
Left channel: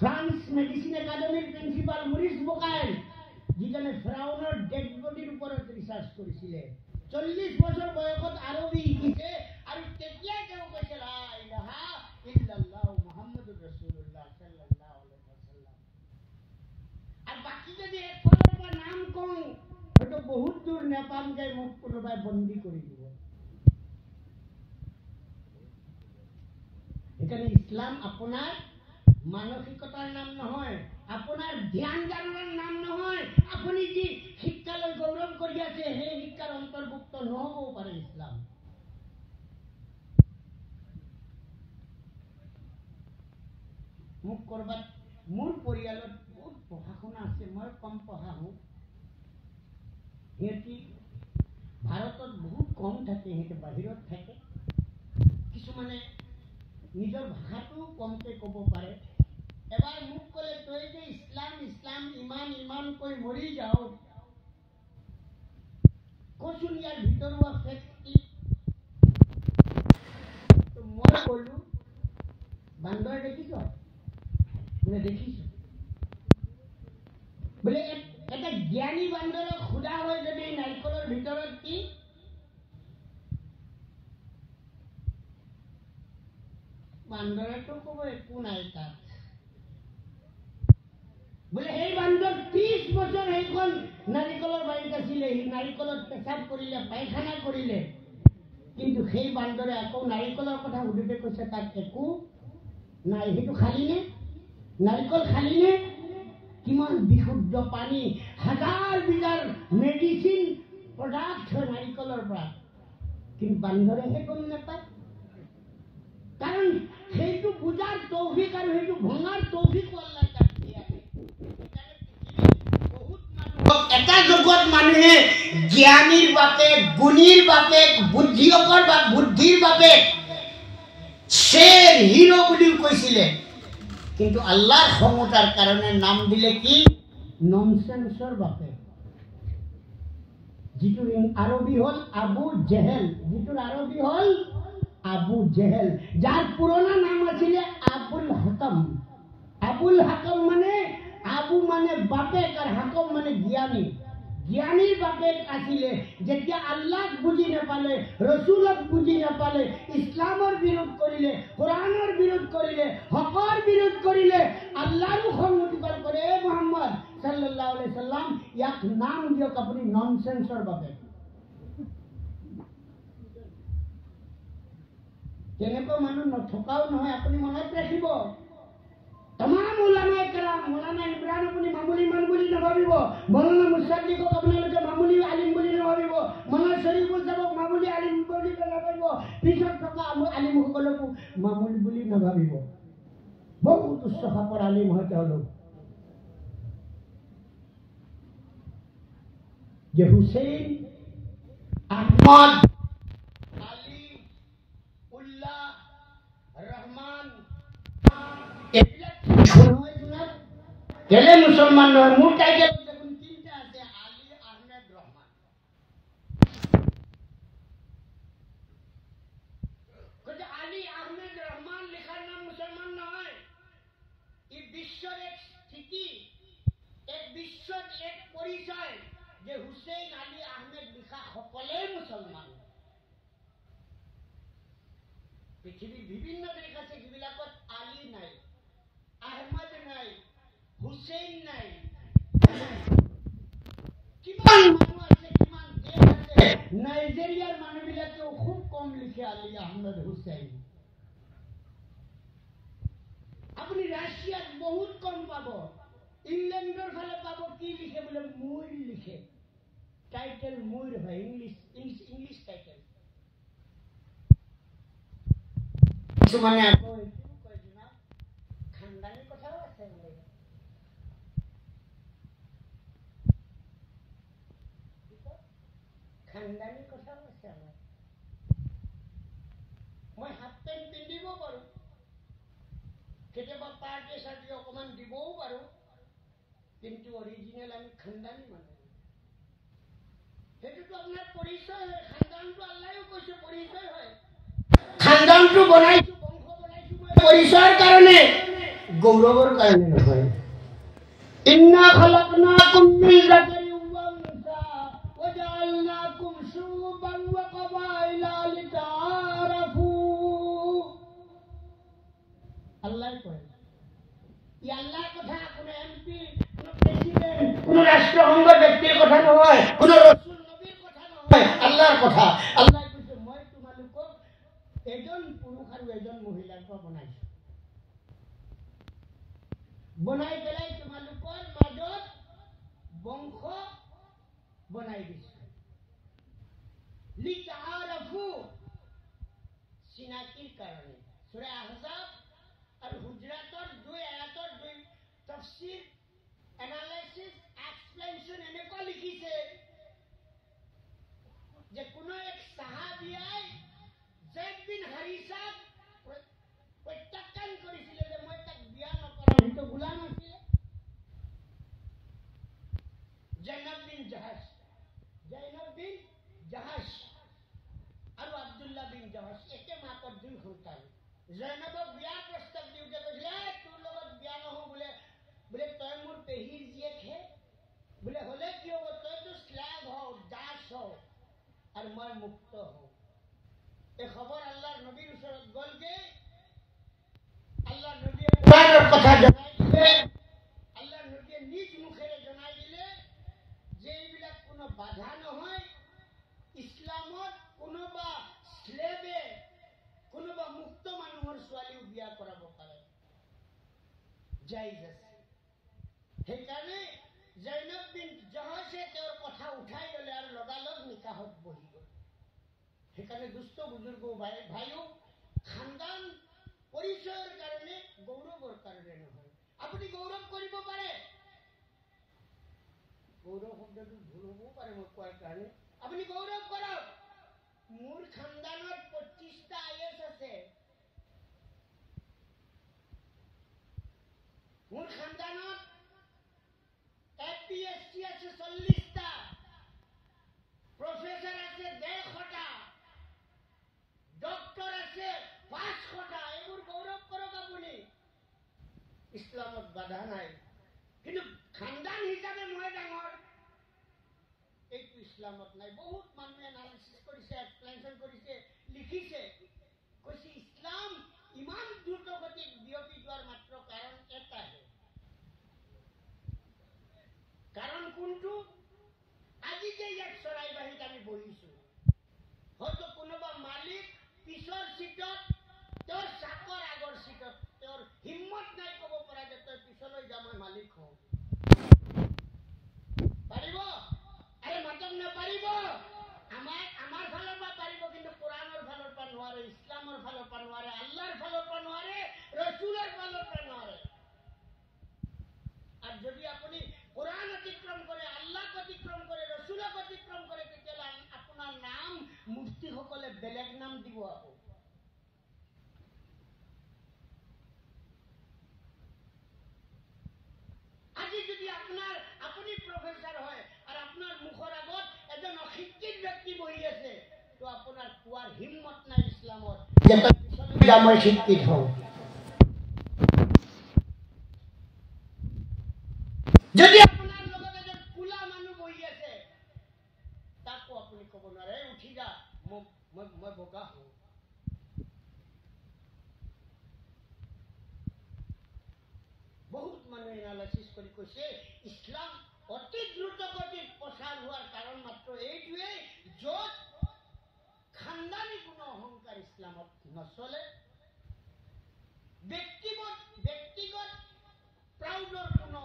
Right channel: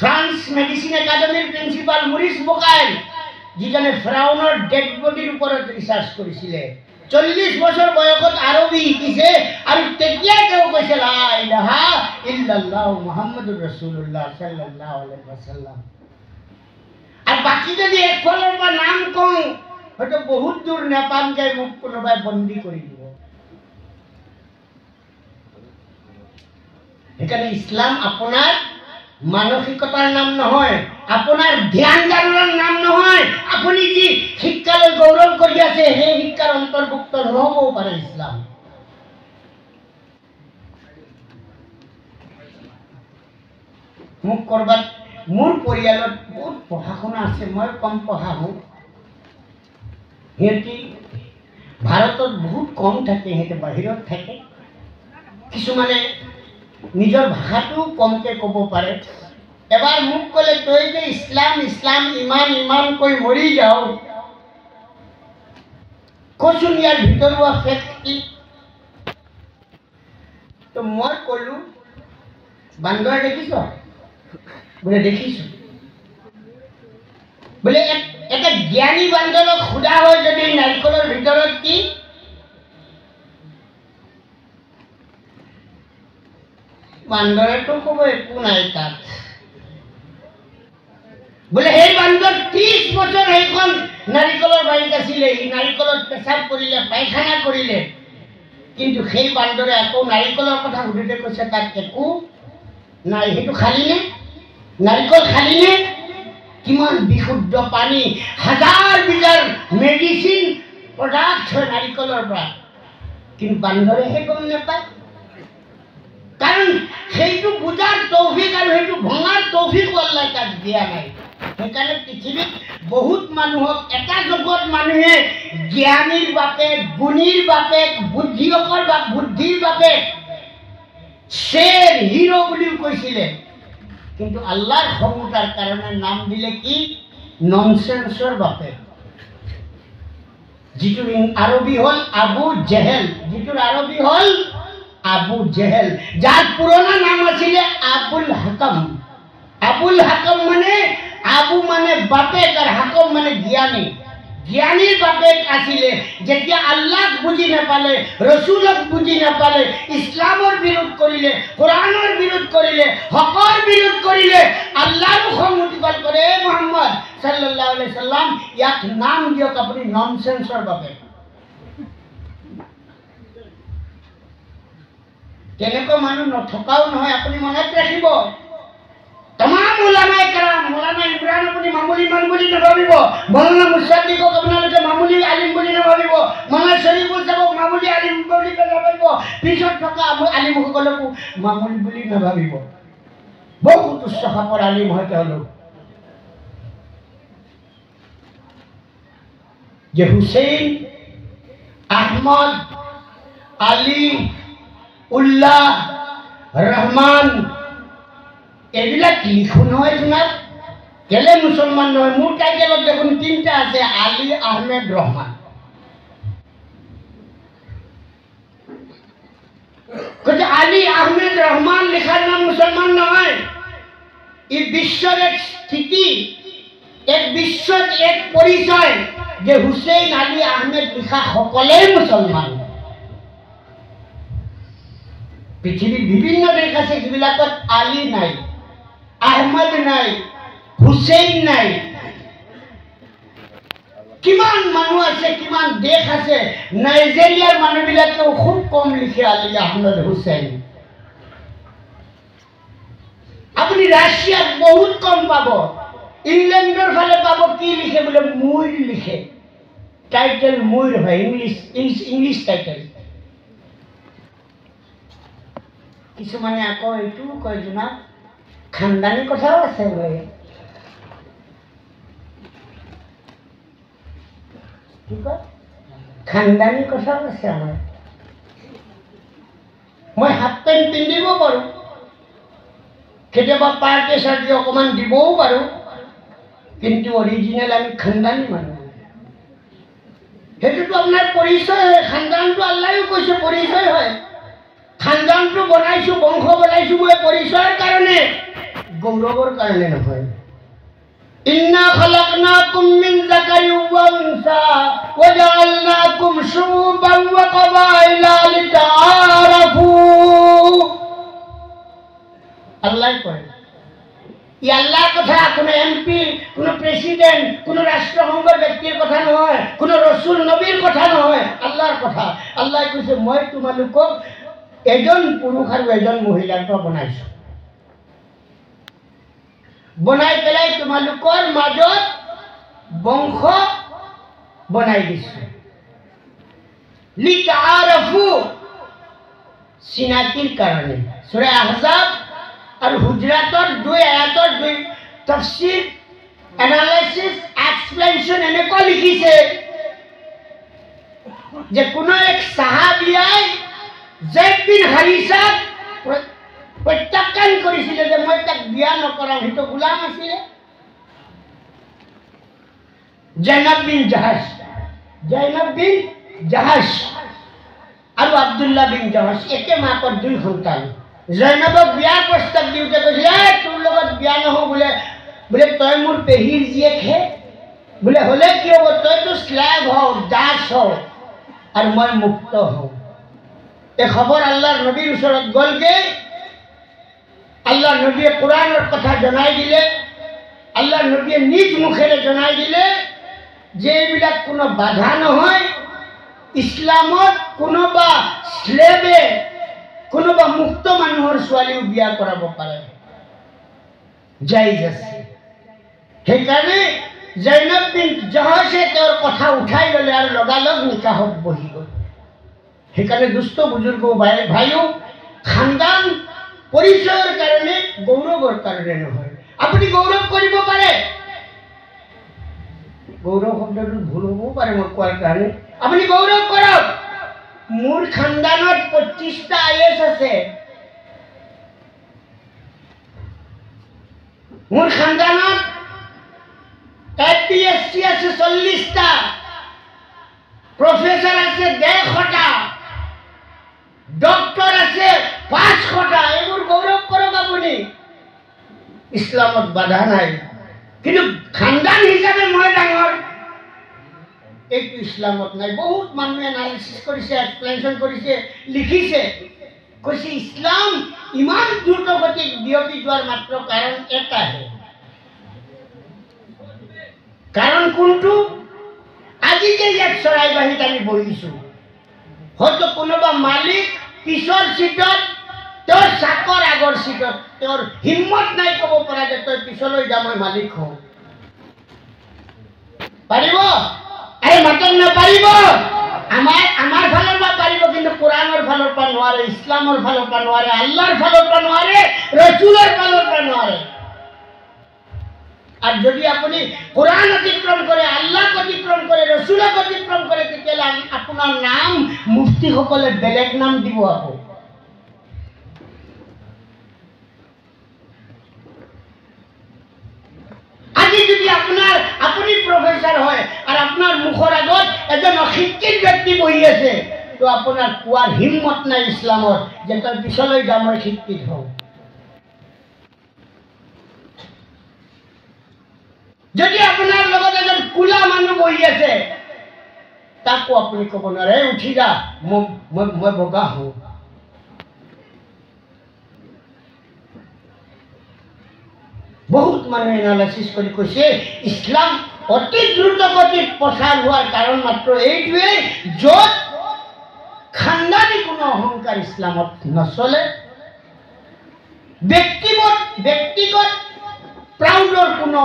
ফ্ৰান্স মেডিসিন একাডেমিৰ প্ৰিন্সিপাল মৰিস বকাইল, যিজনে ফেৰাউনৰ ডেড বডিৰ ওপৰত ৰিসাৰ্চ কৰিছিলে। 40 বছৰ বয়সত আৰবী শিকিছে আৰু তেতিয়া তেওঁ কৈছে লা ইলাহা ইল্লাল্লাহ মুহাম্মাদুৰ ৰাছূলুল্লাহ সাল্লাল্লাহু আলাইহি ওয়াসাল্লাম। আৰু বাকি যদি একফালৰ পৰা নাম কওঁ হয়তো বহুত দূৰ নেপামগে, মোক কোনোবাই বন্দী কৰি দিব। সেইকাৰণে ইছলাম আপোনাৰ মানসিকতাৰ নাম নহয়, আপোনাৰ ধ্যান ধাৰণাৰ নাম নহয়। আপুনি যি শিক্ষালৈ গৌৰৱ কৰি আছে সেই শিক্ষাৰ অন্তৰ্ভুক্ত নহবও পাৰে ইছলাম। মোক কৰবাত মোৰ পৰিয়ালত বহুত পঢ়া শুনা আছে, মই কম পঢ়া হওঁ। সিহঁতি ভাৰতত বহুত কম থাকে, সিহঁতে বাহিৰত থাকে। কিছুমানে নিজৰ ভাষাটো কমকে ক'ব পাৰে। এবাৰ মোক ক'লে তই যে ইছলাম ইছলাম ইমান ইমান কৈ মৰি যাও, কচোন ইয়াৰ ভিতৰুৱা ফেক্ট কি? তো মই ক'লো বান্দৰ দেখিছ? বোলে দেখিছো। বোলে এটা জ্ঞানী বান্দৰক সোধা হয় যদি নাৰিকলৰ ভিতৰত কি, বান্দৰেতো ক'ব একো নাই তাত। বোলে সেই বান্দৰ 30 বছৰ সেইখন নাৰিকলৰ বাৰীত আছিলে, সি নাৰিকলত পেচাব কৰিলে, পায়খানা কৰিলে, কিন্তু সেই বান্দৰে আকৌ নাৰিকলৰ কথা সুধোতে কৈছে তাত একো নাই। সেইটো খালি নে? নাৰিকল খালি নে? কিমান বিশুদ্ধ পানী, হাজাৰ বিজাৰ মেডিচিন প্ৰডাক্ট হয় নাৰিকলৰ পৰা, কিন্তু বান্দৰেহে গম নাপায়। কাৰণ সেইটো বুজাৰ তৌফিক আৰু সেইটো ভঙাৰ তৌফিক আল্লাহ তাক দিয়া নাই। সেইকাৰণে পৃথিৱীত বহুত মানুহক এটা জগত মানুহে জ্ঞানীৰ বাপেক, গুণীৰ বাপেক, বুদ্ধিৰ বাপেক, শ্বেৰ হিৰো বুলিও কৈছিলে, কিন্তু আল্লাহৰ ক্ষমতাৰ কাৰণে নাম দিলে কি ননসেন্সৰ বাপেক। যিটোৰ আৰবী হ'ল আবু জেহেল, যিটোৰ আৰবী হ'ল আবু জেহেল, যার পুরোনো নাম আছিলে আবুল হাকম। আবুল হাকম মানে আবু মানে বাপেক আর হাকম মানে জ্ঞানী। জ্ঞানীর বাপেক আছিলে, যেতিয়া আল্লাহক বুঝি নাপালে, রসুলক বুঝি নাপালে, ইসলামৰ বিৰোধ কৰিলে, কোৰআনৰ বিৰোধ কৰিলে, হকৰ বিৰোধ কৰিলে, আল্লাহৰ খং উঠি গল কৰে মুহাম্মদ সাল্লাল্লাহু আলাইহি সাল্লাম ইয়াক নাম দিয়ক আপুনি ননসেন্সৰ বাপেক। তেনেকুৱা মানুহ নথকাও নহয়, আপুনি মনত ৰাখিব। तमाम उलामाए कराम, मौलाना इमरान अपनी मामूली मान बोली न भाविबो, मौलाना मुसाद्दिक़क अपनालोके मामूली आलिम बोली न भाविबो, मौलाना शरीफुल साहब मामूली आलिम बोली न भाविबो, पिছত থকা আলিমসকলকো মামুলি বুলি ন ভাবিব। বহুত উচ্চ খাপৰ আলিম হয় তেওঁলোক। যে হুসেইন, আহমদ, আলী, উল্লাহ, ৰহমান এবিলাক লিখো নহয় জনাব, কেলে মুসলমান নহয়? মোৰ টাইটেলত দেখোন 3টা আছে, আলী, আহমেদ, ৰহমান। কৈছে আলী, আহমেদ, ৰহমান লেখাৰ নাম মুসলমান নহয়। ই বিশ্বৰ এক স্থিতি, এক বিশ্বত এক পৰিচয়, যে হুছেইন আলী আহমেদ লিখা সকলেই মুছলমান। পৃথিৱীৰ বিভিন্ন দেশ আছে যিবিলাকত আলী নাই, আহমদ নাই, হুছেইন নাই। কিমান মানুহ আছে, কিমান দেশ আছে, নাইজেৰিয়াৰ মানুহবিলাকেও খুব কম লিখে আলী আহমদ হুছেইন। আপুনি ৰাছিয়াত বহুত কম পাব। ইংলেণ্ডৰ ফালে পাব কি লিখে বোলে মুইৰ লিখে, টাইটেল মুইৰ হয়, ইংলিছ টাইটেল। কিছুমানে আকৌ এইটোও কয় জনাব খানদানী কথাও আছে বোলে। কি কয় খানদানী কথাও আছে আমাৰ। মই হাফ পেণ্ট পিন্ধিব পাৰোঁ, কেতিয়াবা পাৰ্টি চাৰ্টি অকণমান দিবও পাৰোঁ, কিন্তু অৰিজিনেল আমি খানদানী মানুহ। সেইটোতো আপোনাৰ পৰিচয় হয়। খানদানটো আল্লাহেও কৈছে পৰিচয় হয়। খানদানটো বনাইছোঁ, বংশ বনাইছোঁ মই পৰিচয়ৰ কাৰণে, গৌৰৱৰ কাৰণে নহয়। ইন্না খলাকনাকুম মিন যাকাৰিন ওয়া উনসা ওয়া জাআলনাকুম শুউবান ওয়া কবাইলা লিতাআৰাফু। আল্লাহ কয়, ই আল্লাহৰ কথা, কোনো এমপি, কোনো প্ৰেচিডেণ্ট, কোনো ৰাষ্ট্ৰসংঘৰ ব্যক্তিৰ কথা নহয়, কোনো ৰসুল নবীৰ কথা নহয়, আল্লাহৰ কথা। আল্লাহ কৈছে মই তোমালোকক এজন পুৰুষ আৰু এজন মহিলাৰ পৰা বনাইছোঁ, বনাই পেলাই তোমালোকৰ মাজত বংশ বনাই দিছোঁ। লিতাআৰাফু, চিনাকিৰ কাৰণে। সূৰা আহজাব আৰু হুজৰাটৰ 2 আয়াতৰ 2 তাফসীৰ, এনালাইসিস, এক্সপ্লেনেশন এনেকুৱা লিখিছে যে কোনো এক সাহাবিয়াই জৈদ বিন হাৰিছাক প্ৰত্যাখ্যান কৰিছিলে যে মই তাক বিয়া নকৰাম, সেইটো গোলাম আছিলে। জৈনব বিন জাহাজ আৰু আব্দুল্লাহ বিন জাহাজ একে মাকৰ 2 সন্তান। জৈনবক বিয়াৰ প্ৰস্তাৱ দিওঁতে কৈছিলে তোৰ লগত বিয়া নহওঁ বোলে তই মোৰ পেহীৰ জীয়েকহে, বোলে হ'লে কি হ'ব, তইতো স্লেভ হওঁ, দাস হওঁ আৰু মই মুক্ত হওঁ। এই খবৰ আল্লাহৰ নবীৰ ওচৰত গ'লগে। আল্লাহৰ নবীয়ে কোৰআনৰ কথা জনাই দিলে, আল্লাহৰ নবীয়ে নিজ মুখেৰে জনাই দিলে যে এইবিলাক কোনো বাধা নহয়। ইছলামত কোনোবা স্লেভে কোনোবা মুক্ত মানুহৰ ছোৱালীও বিয়া কৰাব পাৰে, জায়েজ আছে। সেইকাৰণে জৈনব বিন জাহাজে তেওঁৰ কথা উঠাই ল'লে আৰু লগালগ নিকাহত বহি গ'ল। সেইকাৰণে দুষ্ট বুজুৰ্গ ভাইও, খানদান পৰিচয়ৰ কাৰণে, গৌৰৱৰ কাৰণে নহয়। আপুনি গৌৰৱ কৰিব পাৰে, গৌৰৱ শব্দটো ভুল হ'বও পাৰে মই কোৱাৰ কাৰণে। আপুনি গৌৰৱ কৰক, মোৰ খানদানত 25টা IAS আছে, মোৰ খানদানত APSC আছে 40টা, প্ৰফেসৰ আছে 150টা, ডক্টৰ আছে 500টা। এইবোৰ গৌৰৱ কৰক আপুনি, ইছলামত বাধা নাই। কিন্তু খানদান হিচাপে মই ডাঙৰ, এইটো ইছলামত নাই। বহুত মানুহে এনালাইসিস কৰিছে, এক্সপ্লেনেশন কৰিছে, লিখিছে, কৈছে ইছলাম ইমান দ্ৰুতগতিত বিয়পি যোৱাৰ মাত্ৰ কাৰণ এটাহে। কাৰণ কোনটো? আজি যে ইয়াত চৰাইবাহীত আমি বহিছোঁ, হয়তো কোনোবা মালিক পিছৰ সিটত, তেওঁৰ চাকৰ আগৰ সিটত, তেওঁৰ হিম্মত নাই ক'ব পৰা যে তই পিছলৈ যা, মই মালিক হওঁ। পাৰিব? আৰে মাতক নাপাৰিব। আমাৰ ফালৰ পৰা পাৰিব, কিন্তু কোৰআনৰ ফালৰ পৰা নোৱাৰে, ইছলামৰ ফালৰ পৰা নোৱাৰে, আল্লাহৰ ফালৰ পৰা নোৱাৰে, ৰসুলৰ ফালৰ পৰা নোৱাৰে। আর যদি আপনি কোরআন অতিক্রম করে, আল্লাহ অতিক্রম করে, রসুলক অতিক্রম করে, তেতিয়াহ'লে আপনার নাম মুফতি সকলে বেলেগ নাম দিব। আকৌ আজি যদি আপনি প্রফেসর হয় আর আপনার মুখর আগত এজন অশিক্ষিত ব্যক্তি বহি আছে, তো আপনার কোয়ার হিম্মত নাই ইসলামত যে তই পিছলৈ যা, মই শিক্ষিত হওঁ। যদি আপনার লগত এজন কোলা মানুহ বহি আছে তাকো আপুনি ক'ব নোৱাৰে উঠি যা মই বগা হওঁ। বহুত মানুহে এনালাইচিছ কৰি কৈছে ইছলাম অতি দ্ৰুত গতিত প্ৰচাৰ হোৱাৰ কাৰণ মাত্ৰ এইটোৱেই য'ত খানদানী কোনো অহংকাৰ ইছলামত নচলে, ব্যক্তিগত প্ৰাউডৰ কোনো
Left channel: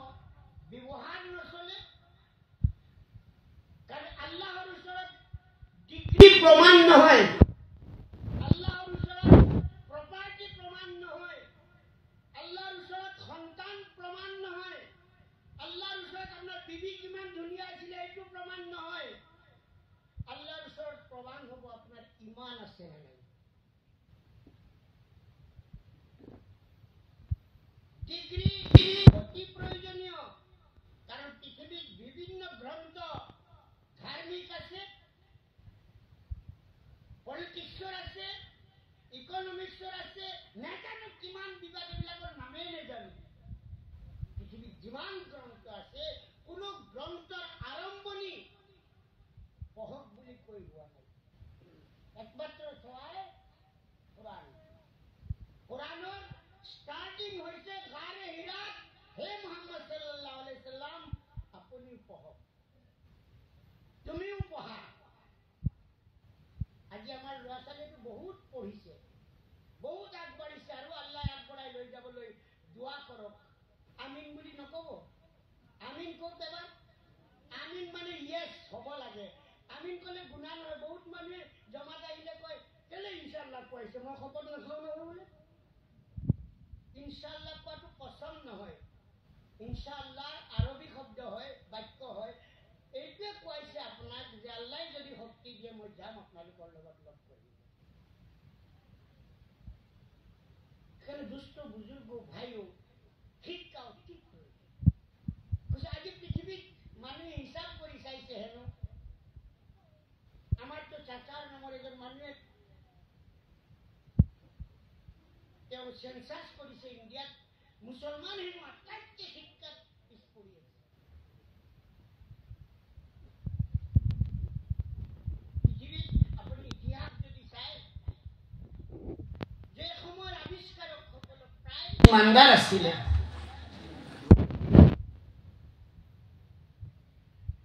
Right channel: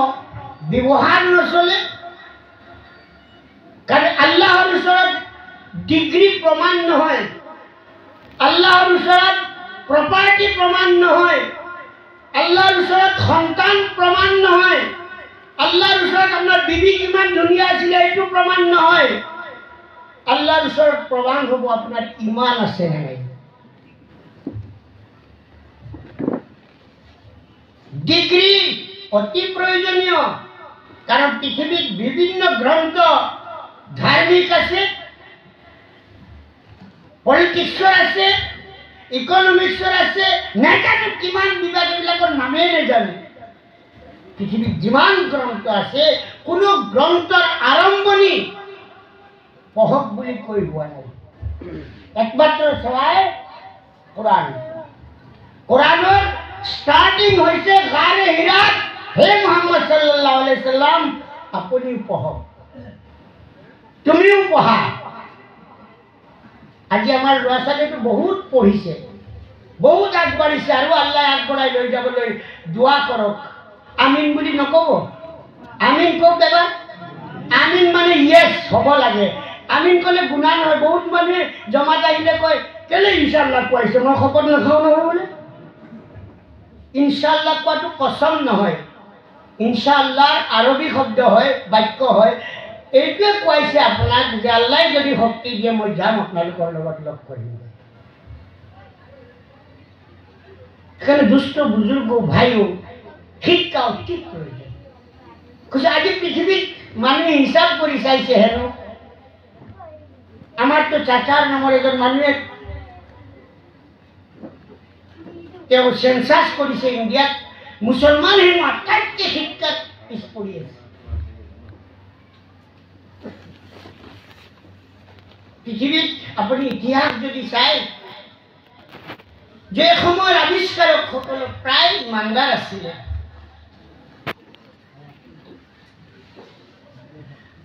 ব্যৱহাৰ নচলে। কাৰণ আল্লাহৰ ওচৰত ডিগ্ৰী প্ৰমাণ নহয়, আল্লাহৰ ওচৰত প্ৰপাৰ্টি প্ৰমাণ নহয়, আল্লাহৰ ওচৰত সন্তান প্ৰমাণ নহয়, আল্লাহৰ ওচৰত আপোনাৰ বিবি কিমান ধুনীয়া আছিলে এইটো প্ৰমাণ নহয়। আল্লাহৰ ওচৰত প্ৰমাণ হ'ব আপোনাৰ ইমান আছে নে নাই। ডিগ্ৰী অতি প্ৰয়োজনীয়, কাৰণ পৃথিৱীত বিভিন্ন গ্ৰন্থ ধাৰ্মিক আছে, পলিটিক্সৰ আছে, ইকনমিক্সৰ আছে, নাজানো কিমান বিভাগ, এইবিলাকৰ নামেই নাজানো। পৃথিৱীত যিমান গ্ৰন্থ আছে কোনো গ্ৰন্থৰ আৰম্ভণি পঢ়ক বুলি কৈ হোৱা নাই। একমাত্ৰ চলাই কোৰাণ। কোৰাণৰ ষ্টাৰ্টিং হৈছে গাৰে হিৰাত, হে মুহাম্মদ সাল্লাল্লাহু আলাইহি সাল্লাম আপুনিও পঢ়ক, তুমিও পঢ়া। আজি আমাৰ ল'ৰা ছোৱালীটো বহুত পঢ়িছে, বহুত আগবাঢ়িছে, আৰু আল্লাহ আগবঢ়াই লৈ যাবলৈ দোৱা কৰক। আমিন বুলি নক'ব, আমিন কওক এবাৰ। আমিন মানে ইয়েছ হ'ব লাগে। আমিন ক'লে গুণা নহয়। বহুত মানুহে জমাত আহিলে কয় কেলে ইনশাআল্লাহ কোৱাইছে, মই শপত নাখাওঁ নহয় বোলে। ইনশাআল্লাহ কোৱাটো কসম নহয়, ইনশাআল্লাহৰ আৰবী শব্দ হয়, বাক্য হয়। এইটোৱে কোৱাইছে আপোনাক যে আল্লাহে যদি শক্তি দিয়ে মই যাম আপোনালোকৰ লগত লগ কৰিম। সেইকাৰণে দুষ্ট বুজুৰ্গ ভাইও শিক্ষা অতি প্ৰয়োজন। কৈছে আজি পৃথিৱীত মানুহে হিচাপ কৰি চাইছে হেনো, আমাৰতো চাচাৰ নামৰ এজন মানুহে তেওঁ চেন্সাছ কৰিছে ইণ্ডিয়াত, মুছলমান হেনো আটাইতকৈ শিক্ষাত পিছ পৰি আছে। পৃথিৱীত আপুনি ইতিহাস যদি চায়, যে সময়ৰ আৱিষ্কাৰকসকল প্ৰায় ইমানদাৰ আছিলে,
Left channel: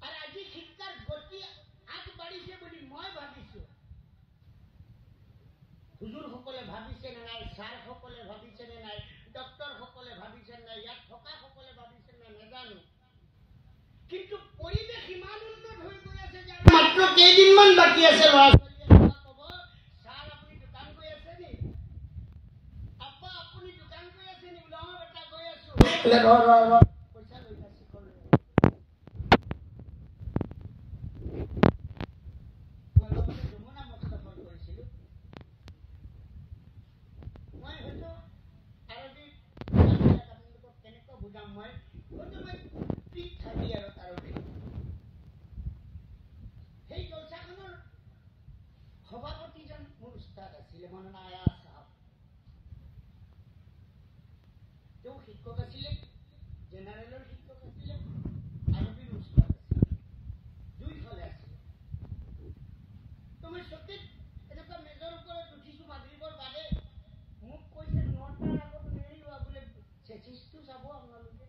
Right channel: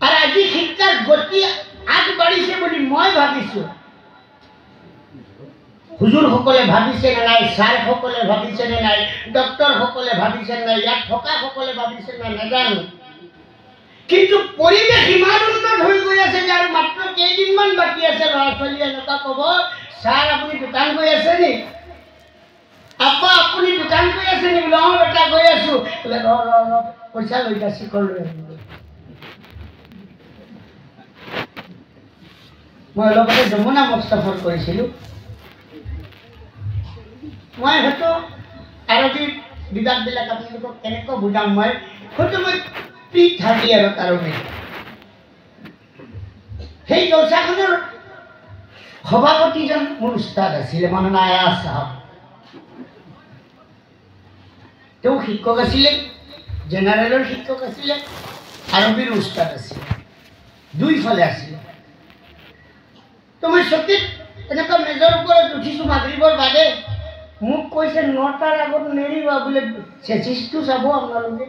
আৰু আজি শিক্ষাৰ গতি আগবাঢ়িছে বুলি মই ভাবিছোঁ। হুজুৰসকলে ভাবিছে নে নাই, ছাৰসকলে ভাবিছে নে নাই, ডক্টৰসকলে ভাবিছে নে নাই, ইয়াত থকাসকলে ভাবিছে নাই নাজানো, কিন্তু পৰিৱেশ ইমান উন্নত হৈ গৈ আছে যে আৰু মাত্ৰ কেইদিনমান বাকী আছে। ল'ৰা ছোৱালীয়ে এনেকুৱা ক'ব, ছাৰ আপুনি দোকান গৈ আছে নি? আপা আপুনি দোকান গৈ আছে নি? বোলে অঁ বেটা গৈ আছো। পইচা লৈ যা, চিকৰ লৈ আহিব। মই অলপতে যমুনা মঠ সফৰ কৰিছিলোঁ। মই হয়তো আৰবী বিভাগবিলাক আপোনালোকক কেনেকৈ বুজাম, মই হয়তো মই থাকি আৰু কাৰণে সেই জলসাখনৰ সভাপতিজন মোৰ উস্তাদ আছিলে, মাওলানা আয়াজ চাহাব। তেওঁ শিক্ষক আছিলে, জেনেৰেলৰ শিক্ষক আছিলে, আৰবীৰ উস্তাদ আছিলে, দুইফালে আছিলে। তো মই চকীত এনেকুৱা মেজৰ ওপৰত উঠিছোঁ মাগৰিবৰ বাদে, মোক কৈছে 9টাৰ আগত নেৰিবা বোলে, চেচিছটো চাব আপোনালোকে।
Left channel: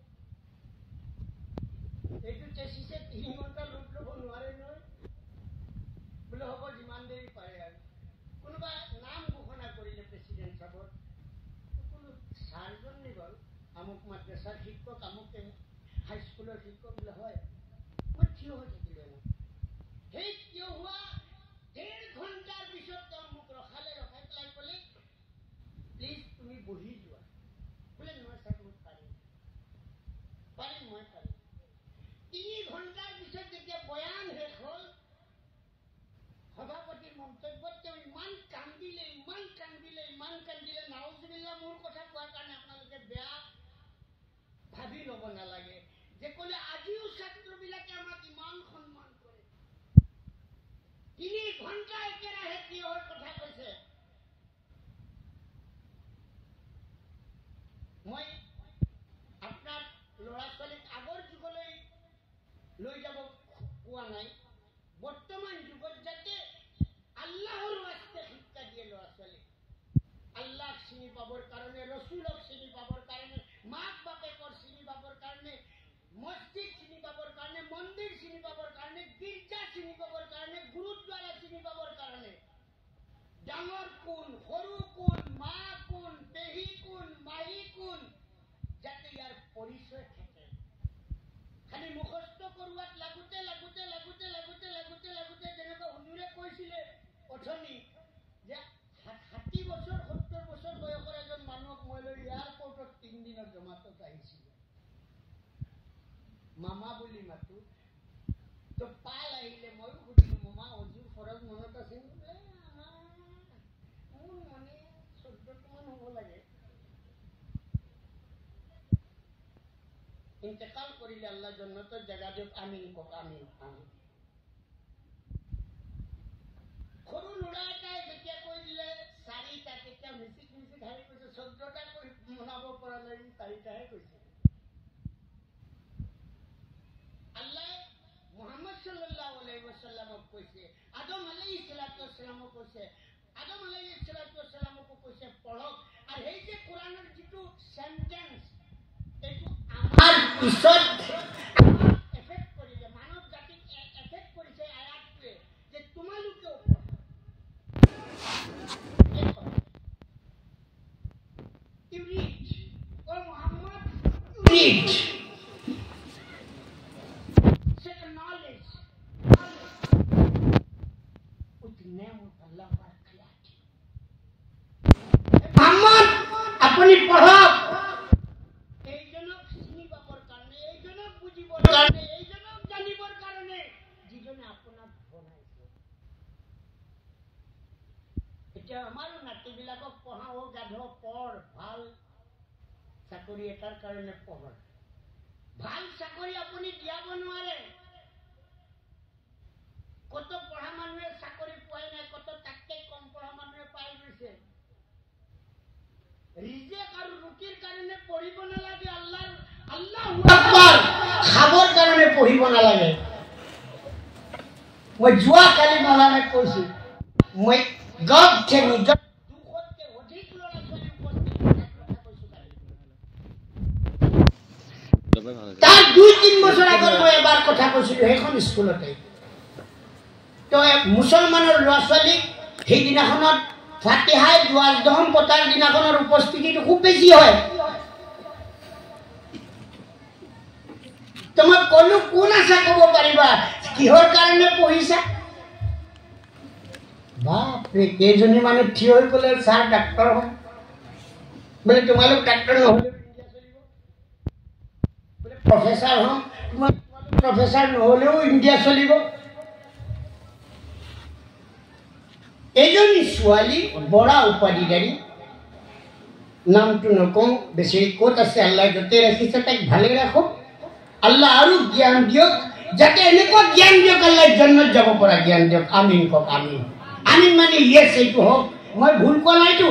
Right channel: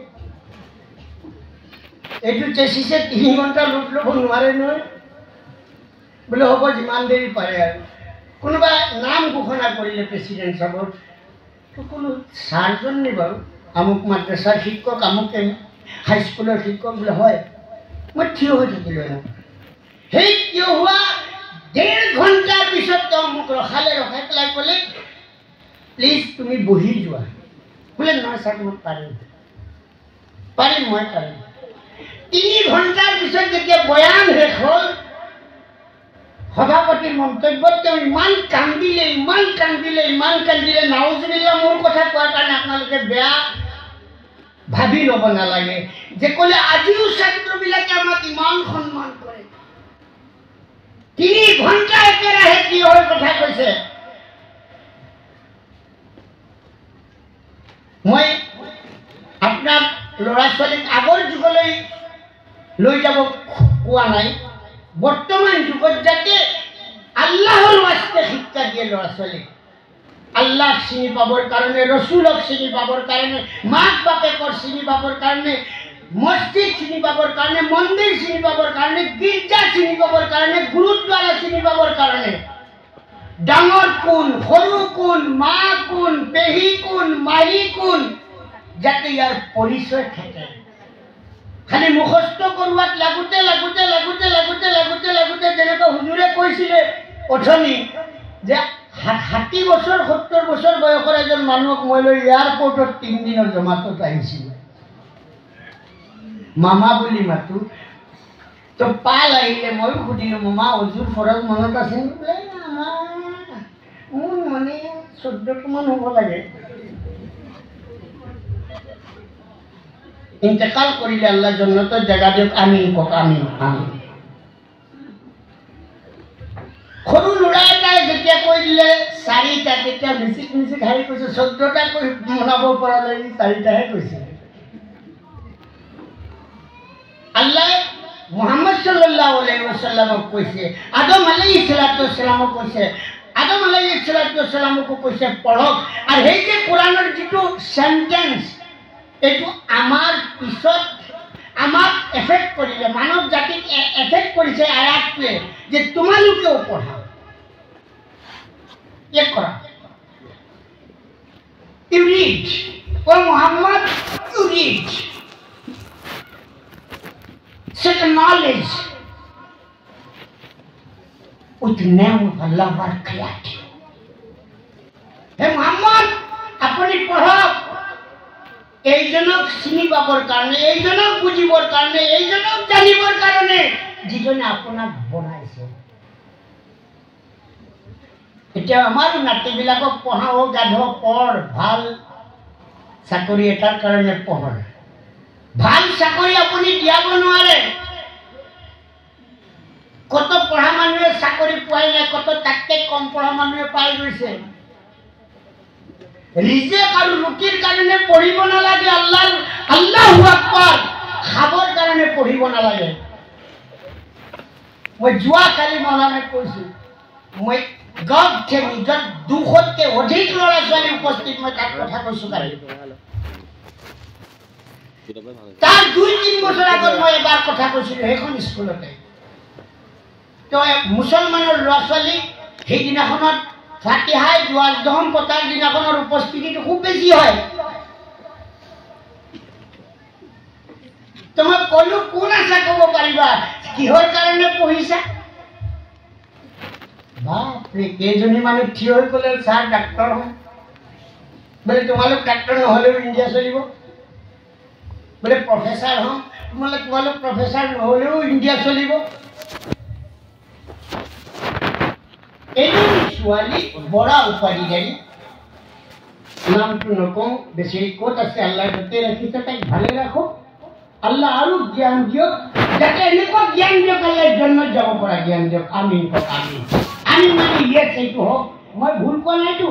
এইটো চেচিছে 3 ঘণ্টা লুট ল'ব নোৱাৰে নহয়। বোলে হ'ব যিমান দেৰি পাৰে আৰু। কোনোবা নাম ঘোষণা কৰিলে প্ৰেচিডেণ্ট চাবৰ, তো কোনো ছাৰজন নি বাৰু, আমুক মাদ্ৰাছাৰ শিক্ষক, আমুক হাইস্কুলৰ শিক্ষক বোলে হয়। মই থিয় হৈ থাকিলোঁ ন। সেই থিয় হোৱা 1.5 ঘণ্টাৰ পিছত তেওঁ মোক ৰখাই পেলাই ক'লে প্লিজ তুমি বহি যোৱা। বোলে নহয় ছাৰ মই পাৰিম, মই পাৰিম। 3 ঘণ্টাৰ পিছত যেতিয়া বয়ান শেষ হ'ল, সভাপতিৰ মন্তব্যত তেওঁ ইমান কান্দিলে, নাউজুবিল্লাহ, মোৰ কথা কোৱাৰ কাৰণে আপোনালোকে বেয়া ভাবি ল'ব নালাগে, যে ক'লে আজিও ছাত্ৰবিলাকে আমাক ইমান সন্মান কৰে। 3 ঘণ্টা একেৰাহে থিয় হৈ কথা কৈছে। মই আপোনাৰ ল'ৰা ছোৱালীক আগৰ যুগলৈ লৈ যাব কোৱা নাই বৰ্তমান যুগত যাতে আল্লাহৰ ওয়াস্তে শিক্ষা দিয়ে ল'ৰা ছোৱালীক আল্লাহ চিনি পাবৰ কাৰণে ৰসুলক চিনি পাবৰ কাৰণে মাক বাপেকৰ চিনি পাবৰ কাৰণে মসজিদ চিনি পাবৰ কাৰণে মন্দিৰ চিনি পাবৰ কাৰণে গীৰ্জা চিনি পাবৰ কাৰণে গুৰুদ্বাৰা চিনি পাবৰ কাৰণে ডাঙৰ কোন সৰু কোন মা কোন পেহী কোন মাহী কোন যাতে ইয়াৰ পৰিচয় থাকে খালি মুখস্থ কৰোৱাত লাগোতে লাগোতে লাগোতে লাগোতে লাগোতে লাগোতে যেনেকৈ হুজুৰে কৈছিলে অথনি যে 60 বছৰ 70 বছৰ বয়সৰ এজন মানুহক মই লৈ এয়াৰপৰ্টত 3 দিনৰ জমাতত আহিছিল মামা বুলি মাতো তো পাল আহিলে মই সুধিলো মামা হুজুৰ ফৰজ মনত আছে বোলে মোৰ মানে 14 মান হ'ব লাগে ইন্তেকাল কৰিলে আল্লাহ জান্নাতৰ জাগা দিয়ক আমিন কক আমিন আমিন সৰু ল'ৰা এটাই যেতিয়া কৈ দিলে 4টা তেতিয়া মিচিক মিচিক হাৰি কৈছে 14টা কৈ মনাব পৰা নাই 4টাহে কৈছে আল্লাহ মুহাম্মদ সাল্লাল্লাহু আলাইহি ওয়াসাল্লামক কৈছে আদম আলাইহিস সালামক কৈছে আদম আলাইহিস সালামক কৈছে পঢ়ক আৰু সেই যে কোৰানৰ যিটো সেন্টেন্স এইটো আমাৰ পিছত আমাক এফেক্ট কৰিলে মানৱ জাতিক এফেক্ট কৰিছে আয়াতটোৱে যে তোমালোকেও পঢ়া এক কৰা ইউ ৰিড ও Muhammad you read set a knowledge with the name of Allah our creator hey muhammad apni পঢ়ক এইজনক চিনি পাবৰ কাৰণে এইজনক বুজিবৰ কাৰণে এইজনক জানিবৰ কাৰণে যিজনে আপোনাক বনাইছে এতিয়া আমাৰ নাতিবিলাকক পঢ়াও গাধ পঢ় ভাল চাকৰি এটাৰ কাৰণে পঢ় ভাল চাকৰি আপুনি দিয়াব নোৱাৰে কত পঢ়া মানুহে চাকৰি পোৱাই নাই কত তাতকে কম পঢ়া মানুহে পাই গৈছে ৰিজেক আৰু ৰুটিৰ কাৰণে পঢ়িব নালাগে আল্লাহু আকবাৰ খাবৰ কাৰণে পঢ়িব নালাগে মই যোৱা কালি মনানে কৈছো মই গড থেনি যত 200তকৈ অধিক ল'ৰা ছোৱালী উপস্থিত মই তাত কথা কৈছো কালি তাৰ 2-3 বছৰ আগত মই এবাৰ কথা কৈছিলো সেইখন স্কুলতে তো মুছলমানৰ ল'ৰা ছোৱালী সেইদিনাখনত ফাতিহাই দুৱাৰ দহম পতাৰ দিনাখনৰ উপস্থিতিটো খুব বেছি হয় তোমাক কলো কোন আছে ক'ব পাৰিবা কিহৰ কাৰণে পঢ়িছা বাপৰে কেইজনী মানুহ থিয় হৈ ক'লে ছাৰ ডাক্তৰ হ'ম বোলে তোমালোক ডাক্তৰ নহ'লেও ইণ্ডিয়া চলিব बोले प्रोफेसर हम तुम्हारे प्रोफेसर নহলেও ইন্ডিয়া চলিব এজন ছোৱালী বড়া উপাধিধাৰী নামটো নকওঁ বেছি ক'ত আছে আল্লাহ য'তে ৰাখিছে তাক ভালে ৰাখক আল্লাহ আৰু জ্ঞান দিয়ক যাতে এনেকুৱা জ্ঞান দিয়ক আল্লাহ জান্নাত যাব পৰা জ্ঞান দিয়ক আমিন কক আমিন আমিন মানে ইয়েছ এইটো হওক মই ভুল কোৱা নাইতো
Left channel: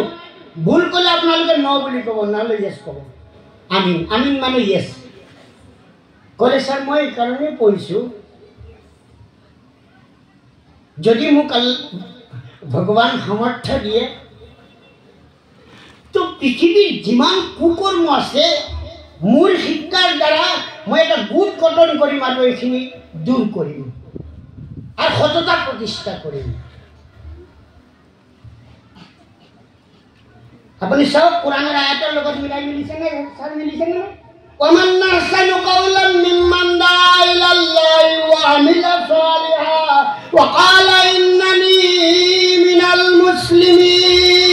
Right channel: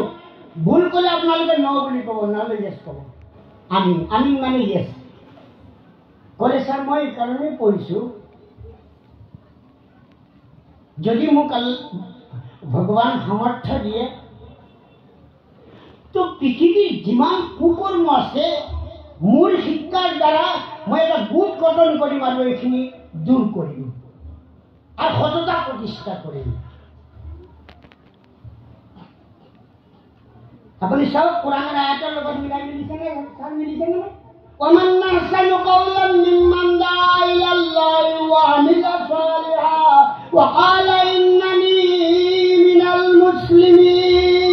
ভুল ক'লে আপোনালোকে ন বুলি ক'ব নহ'লে ইয়েছ ক'ব আমিন আমিন মানে ইয়েছ ক'লে ছাৰ মই কাৰণে পঢ়িছো যদি মোক ভগৱান সামৰ্থ্য দিয়ে তো পৃথিৱীৰ যিমান কুকৰ্ম আছে মোৰ শিক্ষাৰ দ্বাৰা মই এটা গোট গঠন কৰিম আৰু এইখিনি দূৰ কৰিম আৰু সততা প্ৰতিষ্ঠা কৰিম আপুনি চাওক কোৰাণৰ আয়াতৰ লগত মিলাই মিলিছেনে sir মিলিছেনে ومن أحسن قولا ممن دعا إلى الله وعمل صالحا وقال إنني من المسلمين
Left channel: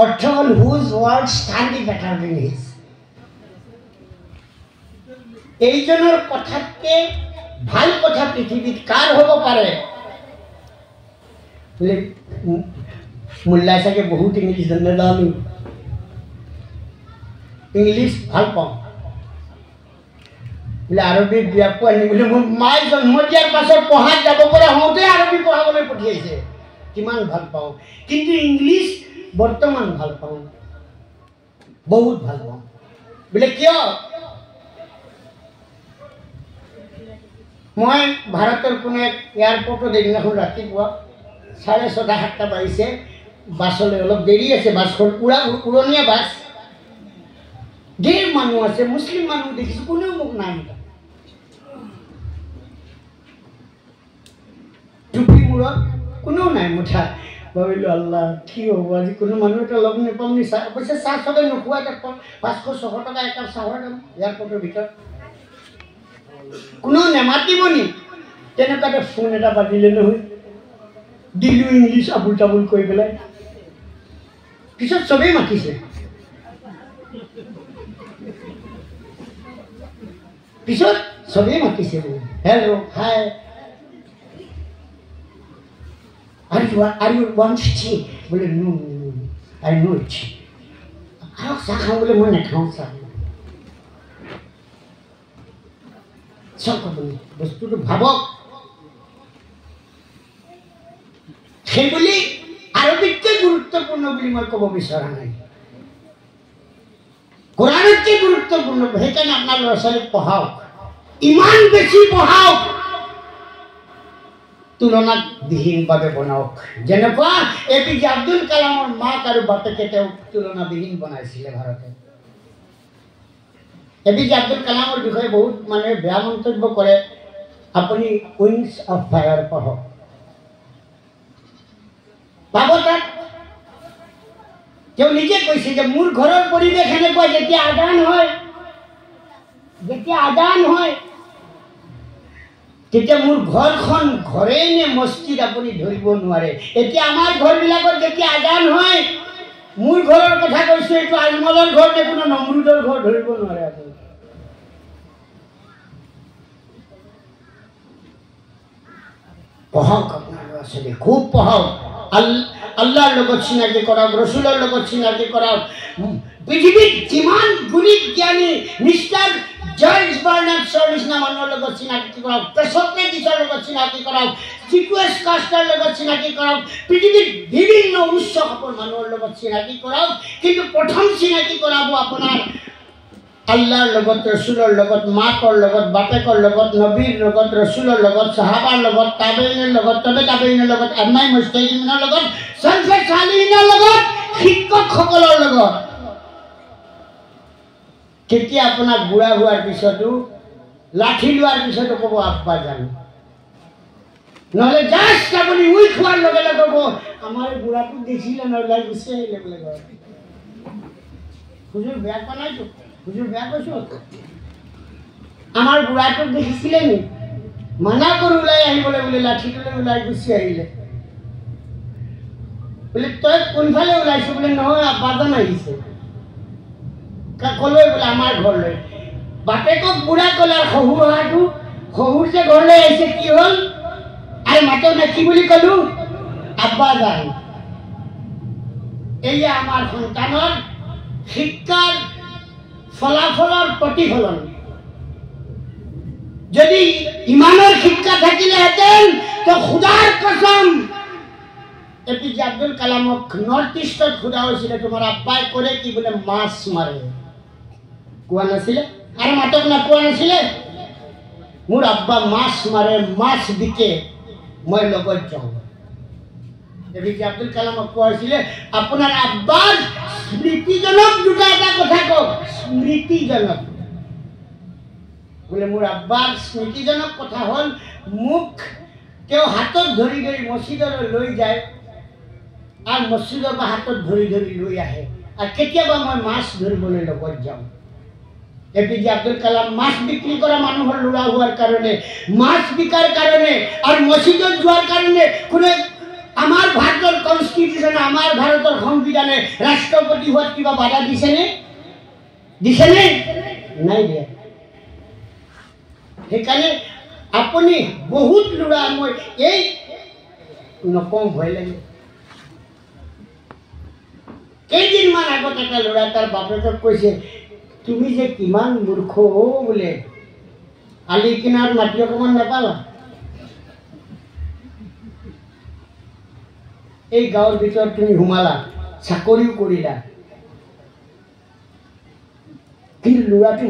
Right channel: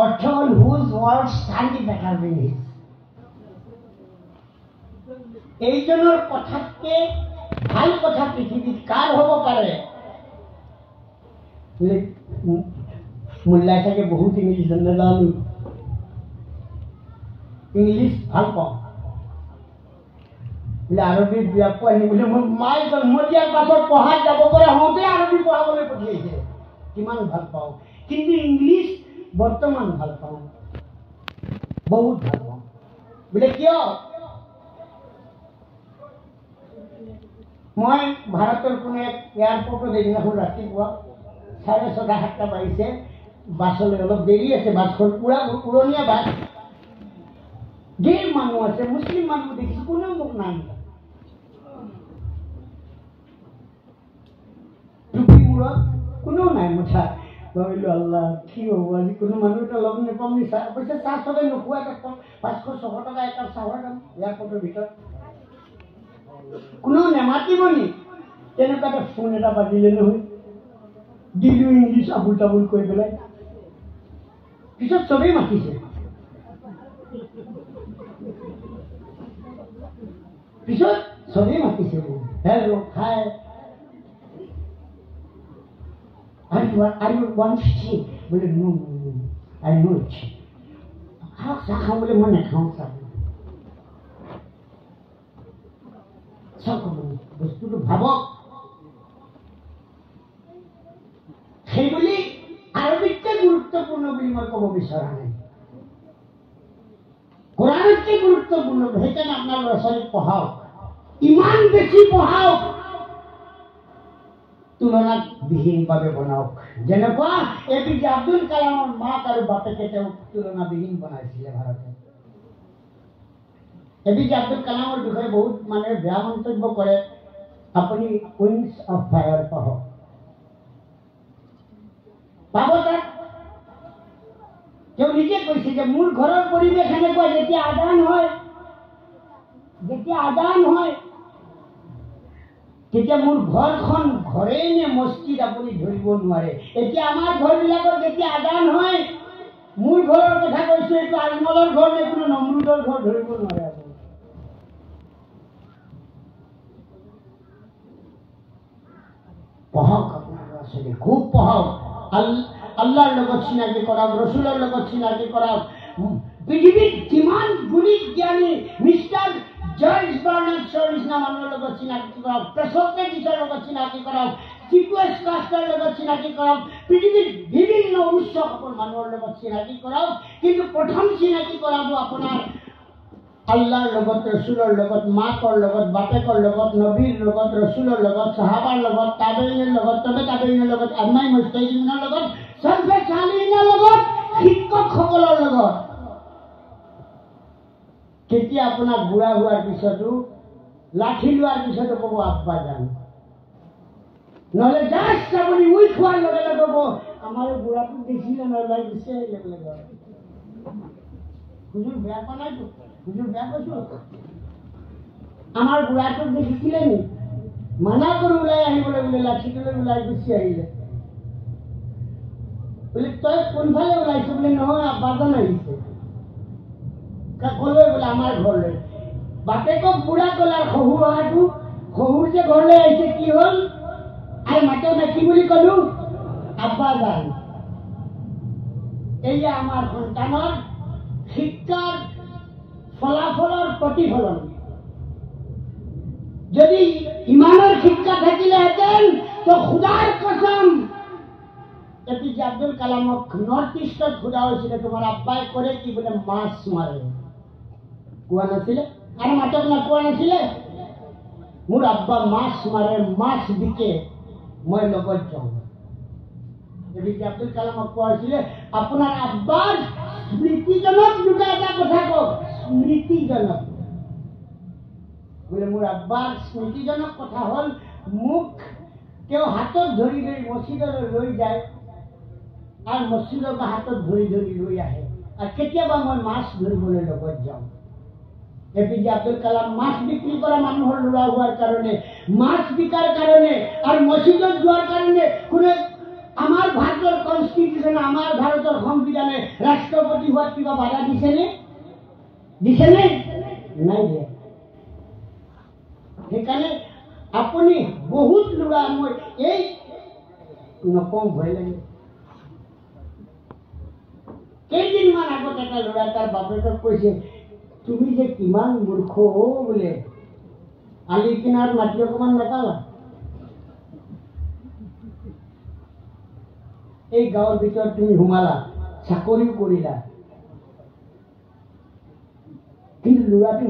or told whose words stand better than his এইজনৰ কথাতকে ভাল কথা পৃথিৱীত কাৰ হ'ব পাৰে মুল্লাই চাগে বহুত ইংলিছ জানে इंग्लिश ভাল পাওঁ বোলে আৰবী বিয়া পঢ়ি বোলে মোৰ মাই জন্ম দিয়াৰ পাছত পঢ়াত যাব পৰা হওঁতে আৰবী পঢ়াবলৈ পঠিয়াইছে কিমান ভাল পাওঁ কিন্তু ইংলিছ বৰ্তমান ভাল পাওঁ বহুত ভাল পাওঁ বোলে কিয় মই ভাৰতৰ কোনো এক এয়াৰপৰ্টত এদিনাখন ৰাতিপুৱা 6:30-7টা বাজিছে, বাছলৈ অলপ দেৰি আছে, বাছখন পুৰা উৰণীয়া বাছ, ঢেৰ মানুহ আছে, মুছলিম মানুহ দেখিছোঁ, কোনেও মোক নাই মাতা। টুপি মূৰত কোনেও নাই মুঠা। ভাবিলোঁ আল্লাহ কি হ'ব আজি, কোনো মানুহ এটা লগ নাপাম নি? অৱশ্যে চাহ চবে নোখোৱা, 500-600 টকা একাপ চাহৰ দাম এয়াৰপৰ্টৰ ভিতৰত, কোনেও নেমাতিব নি? তেনেকুৱাতে ফোন এটা পাতিলে নহয়, দিলোঁ ইংলিছ আবুল তাবুল কৰি পেলাই। পিছত চবেই মাতিছে, hello' hi, Are you want tea? बोले no, I know it. আৰু চাহ খাওঁ বোলে, মই নাখাওঁ চাহ। চাওক আপুনি বস্তুটো ভাবক। সেইবুলি আৰবিতকৈ গুৰুত্বপূৰ্ণ বুলি মই ক'ব বিচৰা নাই, কোৰানতকৈ গুৰুত্বপূৰ্ণ। সেইকাৰণে আপোনাৰ ল'ৰা ছোৱালীক পঢ়াওক, ইমান বেছি পঢ়াওক, তুলনাত বিহীনভাৱে বনাওক। যেনেকুৱা APJ আব্দুল কালামৰ মাক আৰু বাপেকে তেওঁ তুলনাবিহীন বনাইছিলে ভাৰতত। APJ আব্দুল কালামৰ বিষয়ে বহুত মানুহে বেয়া মন্তব্য কৰে, আপুনি উইংছ অফ ফায়াৰ পঢ়ক, পাব তাত। তেওঁ নিজে কৈছে যে মোৰ ঘৰৰ পৰিৱেশ এনেকুৱা, যেতিয়া আদান হয় তেতিয়া মোৰ ঘৰখন ঘৰেই নে মছজিদ আপুনি ধৰিব নোৱাৰে। এতিয়া আমাৰ ঘৰবিলাকত যেতিয়া আদান হয়, মোৰ ঘৰৰ কথা কৈছোঁ, এইটো আজমলৰ ঘৰ নে কোনো নমৰুদৰ ঘৰ ধৰিব নোৱাৰে আপুনি। পঢ়ক আপোনাৰ ল'ৰা ছোৱালী, খুব পঢ়ক, আল্লাহৰ লগত চিনাকি কৰাওক, ৰচুলৰ লগত চিনাকি কৰাওক। পৃথিৱীত যিমান গুণী জ্ঞানী মিষ্টাৰ জৰ্জ বাৰ্নাৰ্ডছৰ নিচিনা মানুহৰ লগত চিনাকি কৰাওক, প্ৰেছক্ৰেটিছৰ লগত চিনাকি কৰাওক, চিকুৱেছ কাষ্টাৰ লগত চিনাকি কৰাওক, পৃথিৱীত বিভিন্ন উচ্চ খাপৰ মানুহৰ লগত চিনাকি কৰাওক। কিন্তু প্ৰথম চিনাকি কৰাব আপোনাৰ আল্লাহৰ লগত, ৰচুলৰ লগত, মাকৰ লগত, বাপেকৰ লগত, নবীৰ লগত, ৰচুলৰ লগত, সাহাবাৰ লগত, তাবেইনৰ লগত, তাবেইনৰ লগত, আম্মাই মুস্তাহিদিনৰ লগত, সলফে সালিহিনৰ লগত, শিক্ষকসকলৰ লগত। তেতিয়া আপোনাক বুঢ়া হোৱাৰ পিছতো, লাঠি লোৱাৰ পিছতো ক'ব আব্বা জান, নহ'লে জাষ্ট আপুনি উইক হোৱাৰ লগে লগে ক'ব আমাৰ বুঢ়াটোক দেখিলে নহ'লে গুচি আহিলে বোলে ঘৰত। হুজুৰ বেয়া পোৱা নাইতো, হুজুৰ বেয়া কৈছোঁ, আমাৰ বুঢ়াটোক দেখিছিলে নি? মানা কৰি ওলাই আহিবলৈ বোলে, লাঠিটো লৈ ওলাই গুচি আহিলে। বোলে তই কোনফালে ওলাইছ? বোলে নহয় আব্বাজান আহিছে। ক'লৈ? বোলে আমাৰ ঘৰলৈ। বাপেকক বুঢ়া ক'লে, আৰু শহুৰ অহাটো, শহুৰ যে ঘৰলৈ আহিছে কি হ'ল? আৰু মাতেও না, কি বুলি ক'লো? আব্বাজান। এয়া আমাৰ সন্তানৰ শিক্ষাৰ ফলাফলৰ প্ৰতিফলন। যদি ইমানৰ শিক্ষা থাকিলেহেঁতেন তো খুদাৰ কসম APJ আব্দুল কালামক নৰ্থ ইষ্টত সোধা হৈছিলে, তোমাৰ আব্বাই কৰে কি? বোলে মাছ মাৰে। কোৱা নাছিলে? আৰু মাতক না, কোৱা নাছিলে? মোৰ আব্বা মাছ মাৰে, মাছ বিকে, মই লগত যাওঁ। APJ আব্দুল কালামক কোৱা হৈছিলে, আপোনাৰ আব্বাৰ স্মৃতিজনক দুটা এটা কথা কওক। স্মৃতিজনক বোলে মোৰ আব্বাৰ স্মৃতিজনক কথা হ'ল, মোক তেওঁ হাতত ধৰি ধৰি মছজিদলৈ লৈ যায়, আৰু মছজিদৰ পৰা হাতত ধৰি ধৰি লৈ আহে, আৰু কেতিয়াবা মই মাছ ধৰিবলৈ লগত যাওঁ। APJ আব্দুল কালাম মাছ বিক্ৰী কৰা মানুহৰ ল'ৰা হোৱাৰ কাৰণে, মাছ বিকাৰ কাৰণে আৰু মছজিদত যোৱাৰ কাৰণে কোনে আমাৰ ভাৰতৰ কনষ্টিটিউশ্যনে, আমাৰ ভাৰতৰ সংবিধানে ৰাষ্ট্ৰপতি হোৱাত কিবা বাধা দিছেনে? নাই দিয়া। সেইকাৰণে আপুনি বহুত ল'ৰা, মই এই নকওঁ ভয় লাগে। কেইদিনমান আগত এটা ল'ৰা তাৰ বাপেকক কৈছে, তুমি যে কিমান মূৰ্খ বোলে, আলি কিনাৰ মাটি অকণমান নাপালা? এই গাঁৱৰ ভিতৰত তুমি সোমালা, চাকৰিও কৰিলা, কিন্তু ল'ৰাটো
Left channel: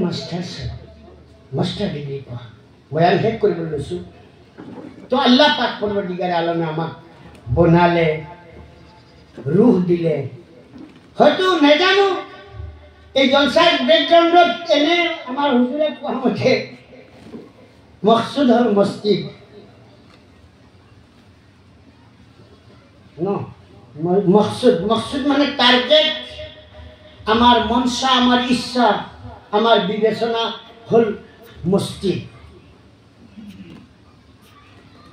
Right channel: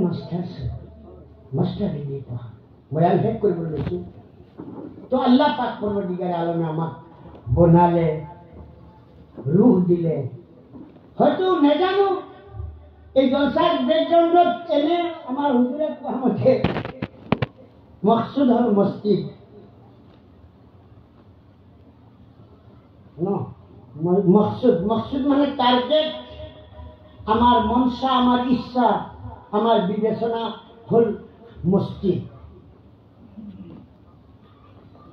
মাষ্টাৰ ডিগ্ৰী পঢ়া। বয়ান শেষ কৰিব লৈছোঁ। তো আল্লাহ পাক পৰৱৰ্তীকাৰে আলমে আমাক বনালে, ৰুহ দিলে। হয়তো নাজানো এই জলসাৰ বেকগ্ৰাউণ্ডত এনে আমাৰ হুজুৰে কোৱা মতে মকসুদ হ'ল মছজিদ ন, মকসুদ মানে টার্গেট, আমার মনসা, আমার ইচ্ছা, আমার বিবেচনা হল মসজিদ।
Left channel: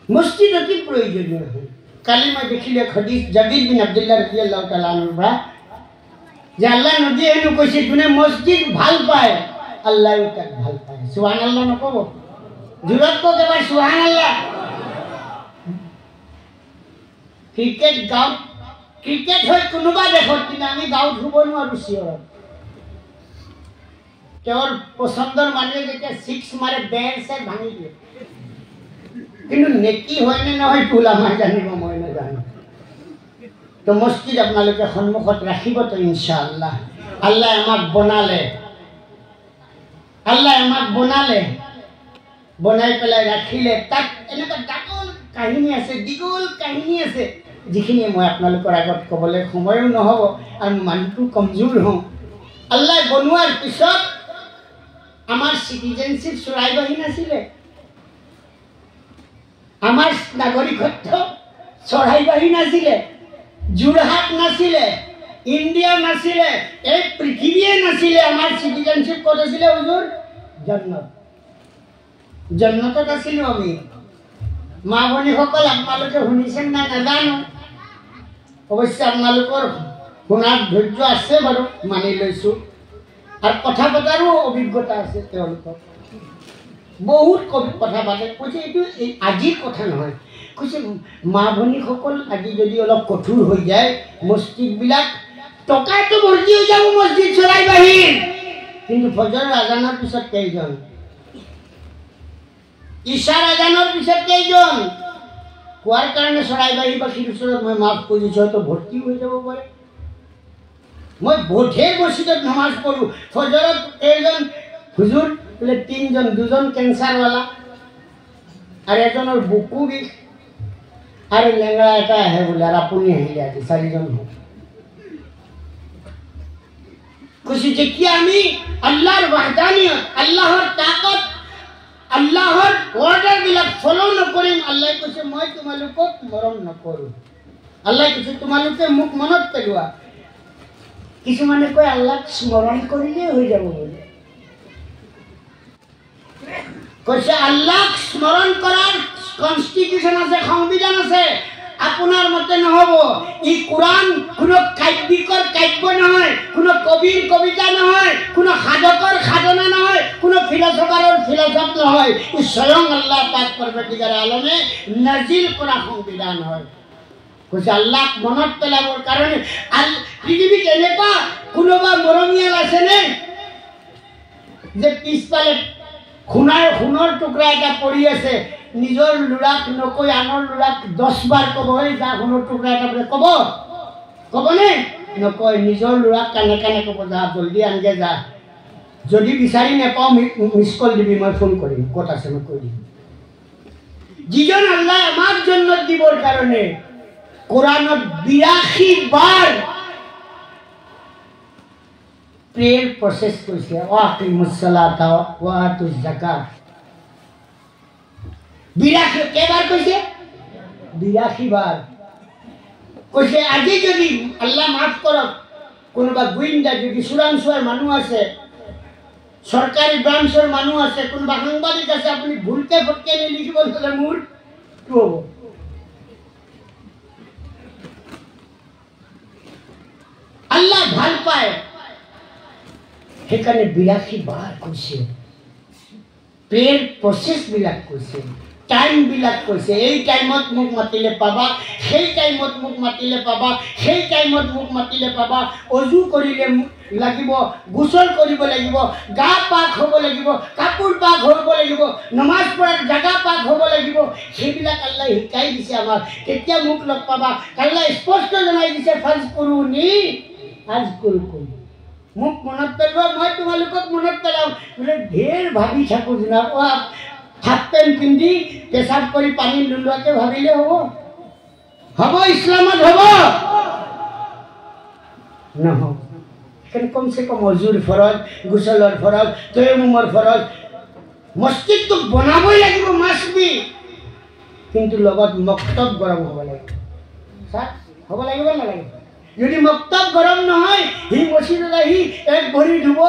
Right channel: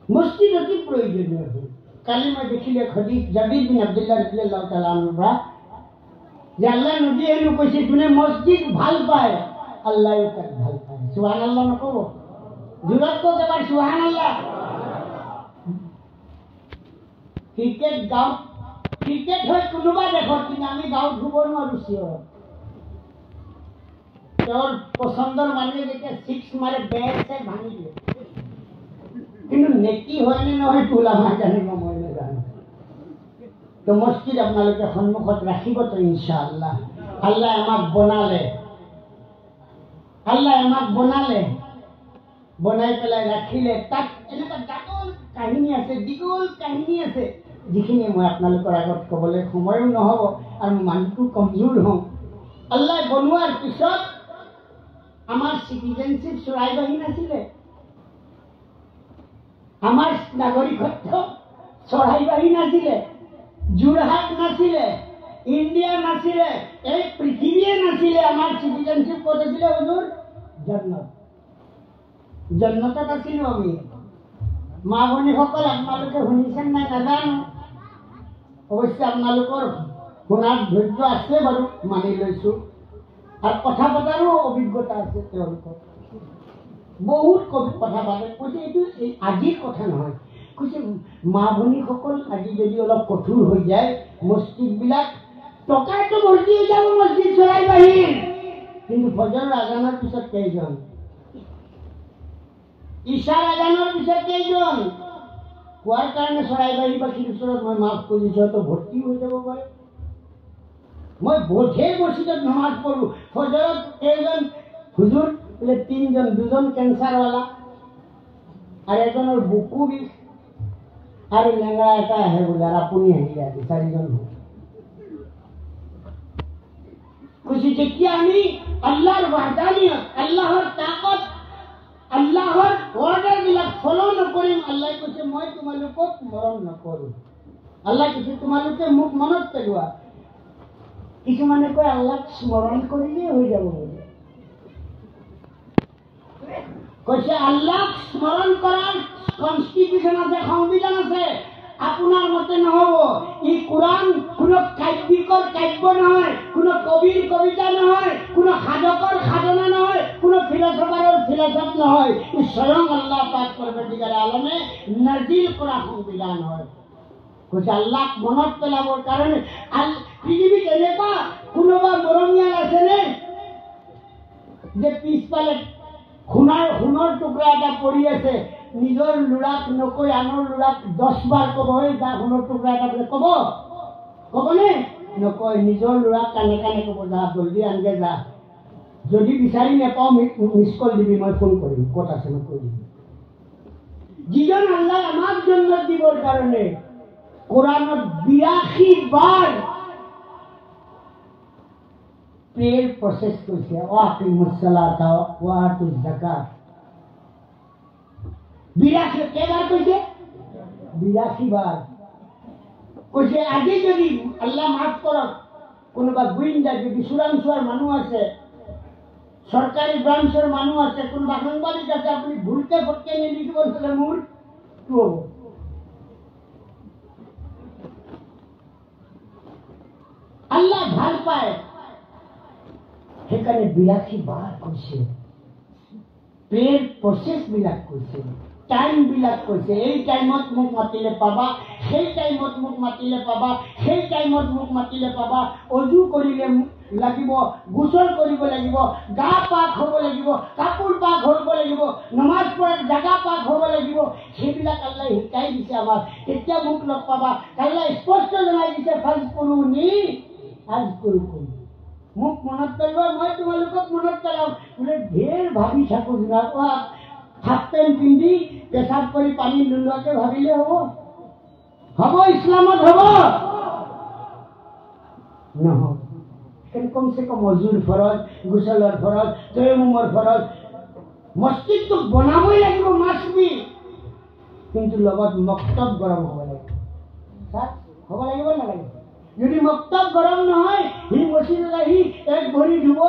মসজিদ অতি প্রয়োজনীয় হয়। কালি মই দেখিলে হদিস জাবির বিন আব্দুল্লাহ রাদিয়াল্লাহু তাআলা আনহু যে আল্লাহ নবী এনে কৈছে যোনে মসজিদ ভাল পায় আল্লাহও তাক ভাল পায়। সুবহানাল্লাহ নকব? জোৰত কওক এবাৰ সুবহানাল্লাহ। ক্ৰিকেট গাঁৱত, ক্ৰিকেট হয় কোনোবা দেশত, কিন্তু আমি গাঁৱত শুব নোৱাৰোঁ চিঞৰত। তেওঁৰ পচন্দৰ মানুহে যেতিয়া 6 মাৰে বেট চেট ভাঙি দিয়ে, কিন্তু নেকি হয়নে নহয় ওলামাই জানিব, মই নাজানো। তো মসজিদ আপোনালোকে সন্মুখত ৰাখিব তো ইনশাআল্লাহ। আল্লাহ আমাক বনালে, আল্লাহ আমাক বনালে, বনাই পেলাই ৰাখিলে। তাত এনেকুৱা ডাঙৰ কাহিনী আছে, দীঘল কাহিনী আছে, যিখিনি মই আপোনালোকৰ আগত ক'বলৈ সময়ো নহ'ব আৰু মানুহটো কমজোৰ হওঁ। আল্লাহ বনোৱাৰ পিছত আমাৰ চিটিজেনশ্বিপ চৰাইবাহী নাছিলে, আমাৰ নাগৰিকত্ব চৰাইবাহী নাছিলে, যোৰহাট নাছিলে, ইণ্ডিয়া নাছিলে, এই পৃথিৱীয়ে নাছিলে। আমাৰ চিটিজেনশ্বিপ ক'ত আছিলে হুজুৰ? জন্নত। জন্নতত আছিলোঁ আমি। মা ভনীসকল আপোনালোকে শুনিছেন নাই নাজানো, অৱশ্যে আপোনালোকৰ শুনাৰ ধৈৰ্য আছে বাৰু, মানি লৈছোঁ। আৰু কথা পতাৰো অভিজ্ঞতা আছে তেওঁলোকৰ, বহুত কথা পাতে। কৈছে এইটো আজিৰ কথা নহয়, কৈছে মা ভনীসকল আজি যদি অলপ কঠোৰ হৈ যায়, মছজিদবিলাক টকাটো ভৰ্তি হৈ যাব মছজিদ চৰাইবাহীৰ, কিন্তু ফজৰৰ আজানৰ পিছত কেইজন, ঈশাৰ আজানৰ পিছত কেইজন, কোৱাৰ কাৰণে চৰাইবাহীবাসীৰ ওচৰত মই মাফ কৰিছোঁ, হয়তো ভৰ্তি হৈ যাব পাৰে। মই বোধে মছজিদত নমাজ পঢ়োঁ, ফজৰত কেইজন হুজুৰ বোলে 3 জন, 2 জন কেঞ্চাৰৱালা আৰু এজনৰ বুকু বিষ আৰু লেঙৰা এটা আহে বোলে, আৰু আপুনি আহিলে আজি 4 জন হ'ল। কৈছে যেতিয়া আমি আল্লাহৰ ৱাহদানিয়ত, আল্লাহৰ তাকত, আল্লাহৰ অৰ্ডাৰবিলাক ফলো নকৰিম, আল্লাহ কৈছে মই তোমালোকক মৰম নকৰোঁ। আল্লাহ কৈছে তোমালোকে মোক মনত পেলোৱা। কিছুমানে কয় আল্লাহক স্মৰণ কৰিলেই হৈ যাব বুলি। কৈছে আল্লাহক স্মৰণ কৰাৰ কনষ্টিটিউশ্যন আছে, সংবিধান আছে। আপোনাৰ মতে নহ'ব। ই কোৰাণ কোনো কাব্যিকৰ কাব্য নহয়, কোনো কবিৰ কবিতা নহয়, কোনো সাধকৰ সাধনা নহয়, কোনো ফিলচফাৰৰ ফিলচফ নহয়। ই স্বয়ং আল্লাহ পাক পৰৱৰ্তীকাৰে আলমে নাজিল কৰা সংবিধান হয়। কৈছে আল্লাহক মনত পেলাবৰ কাৰণে। পৃথিৱীত এনেকুৱা কোনোবা মৰমীয়াল আছেনে যে পিছফালে সোণৰ টুকুৰা এটা পৰি আছে, নিজৰ ল'ৰাক নকৈ আনৰ ল'ৰাক 10 বাৰ ক'ব, এই যা সোণৰ টুকুৰা এটা বোলে, ক'বনে? নকয়। নিজৰ ল'ৰাক কাণে কাণে ক'ব, যা জলদি আনগে যা, যদি বিচাৰি নাপাওঁ মিছ কল দিবি, মই ফোন কৰিম, ক'ত আছে মই কৈ দিম। যিজন আল্লাহ আমাক জন্নত দিবৰ কাৰণে কোরআনত 82 বার প্রেয়ার প্রসেস কইছে, ওয়াকিমুস সালাতা ওয়া আতুজ যাকাত। 82 কেবার কইছে? 82 বার কইছে। আজি যদি আল্লাহ মাফ করক, কোনোবা গুইন্দা যদি চোৰাংচোৱাৰ মানুহ আছে, সরকারি ব্রাঞ্চের মানুষ আছে, কোনোবা সাংবাদিক আছে, আপনি ভুলকে ফটকে নিয়ে লিখিব তাহলে মোৰ কি হব? আল্লাহ ভাল পায়, সেইকাৰণে 82 বাৰ কৈছে, প্ৰেয়াৰ প্ৰচেছ বিলাক কৈছে, টাইম বিলাক কৈছে। এই টাইমত মোক মাতিলে পাবা, সেই টাইমত মোক মাতিলে পাবা, সেই টাইমত মোক মাতিলে পাবা। অজু কৰিলে লাগিব, গোসল কৰিব লাগিব, গা পাক হ'ব লাগিব, কাপোৰ পাক হ'ব লাগিব, নমাজ পঢ়াৰ জাগা পাক হ'ব লাগিব। সেইবিলাক আল্লাহ শিকাই দিছে আমাক। তেতিয়া মোক লগ পাবা। আল্লাহ স্পষ্ট জনাই দিছে, ফাজকুৰুনি আযকুৰুকুম। মোক মনত পেলোৱা, মই তোমালোকক মনত পেলাম। বোলে ঢেৰ ভাবি থাকোঁ জনাব, হাফ পেণ্ট পিন্ধি পেচাব কৰি পানী নোলোৱাকে ভাবিলে হ'ব? হ'ব ইছলামত হ'ব নহ'ব। কমচে কম অজুৰ ফৰজ, গোচলৰ ফৰজ, তৈমুমৰ ফৰজ, মছজিদটো বনাবই লাগিব মাছবি, কিন্তু লগত মক্তব গৰম হ'ব লাগিব। হ'ব লাগিব নালাগিব? যদি মক্তব গৰম নহয়, সি মছজিদত আহি এক ভৰি ধুব।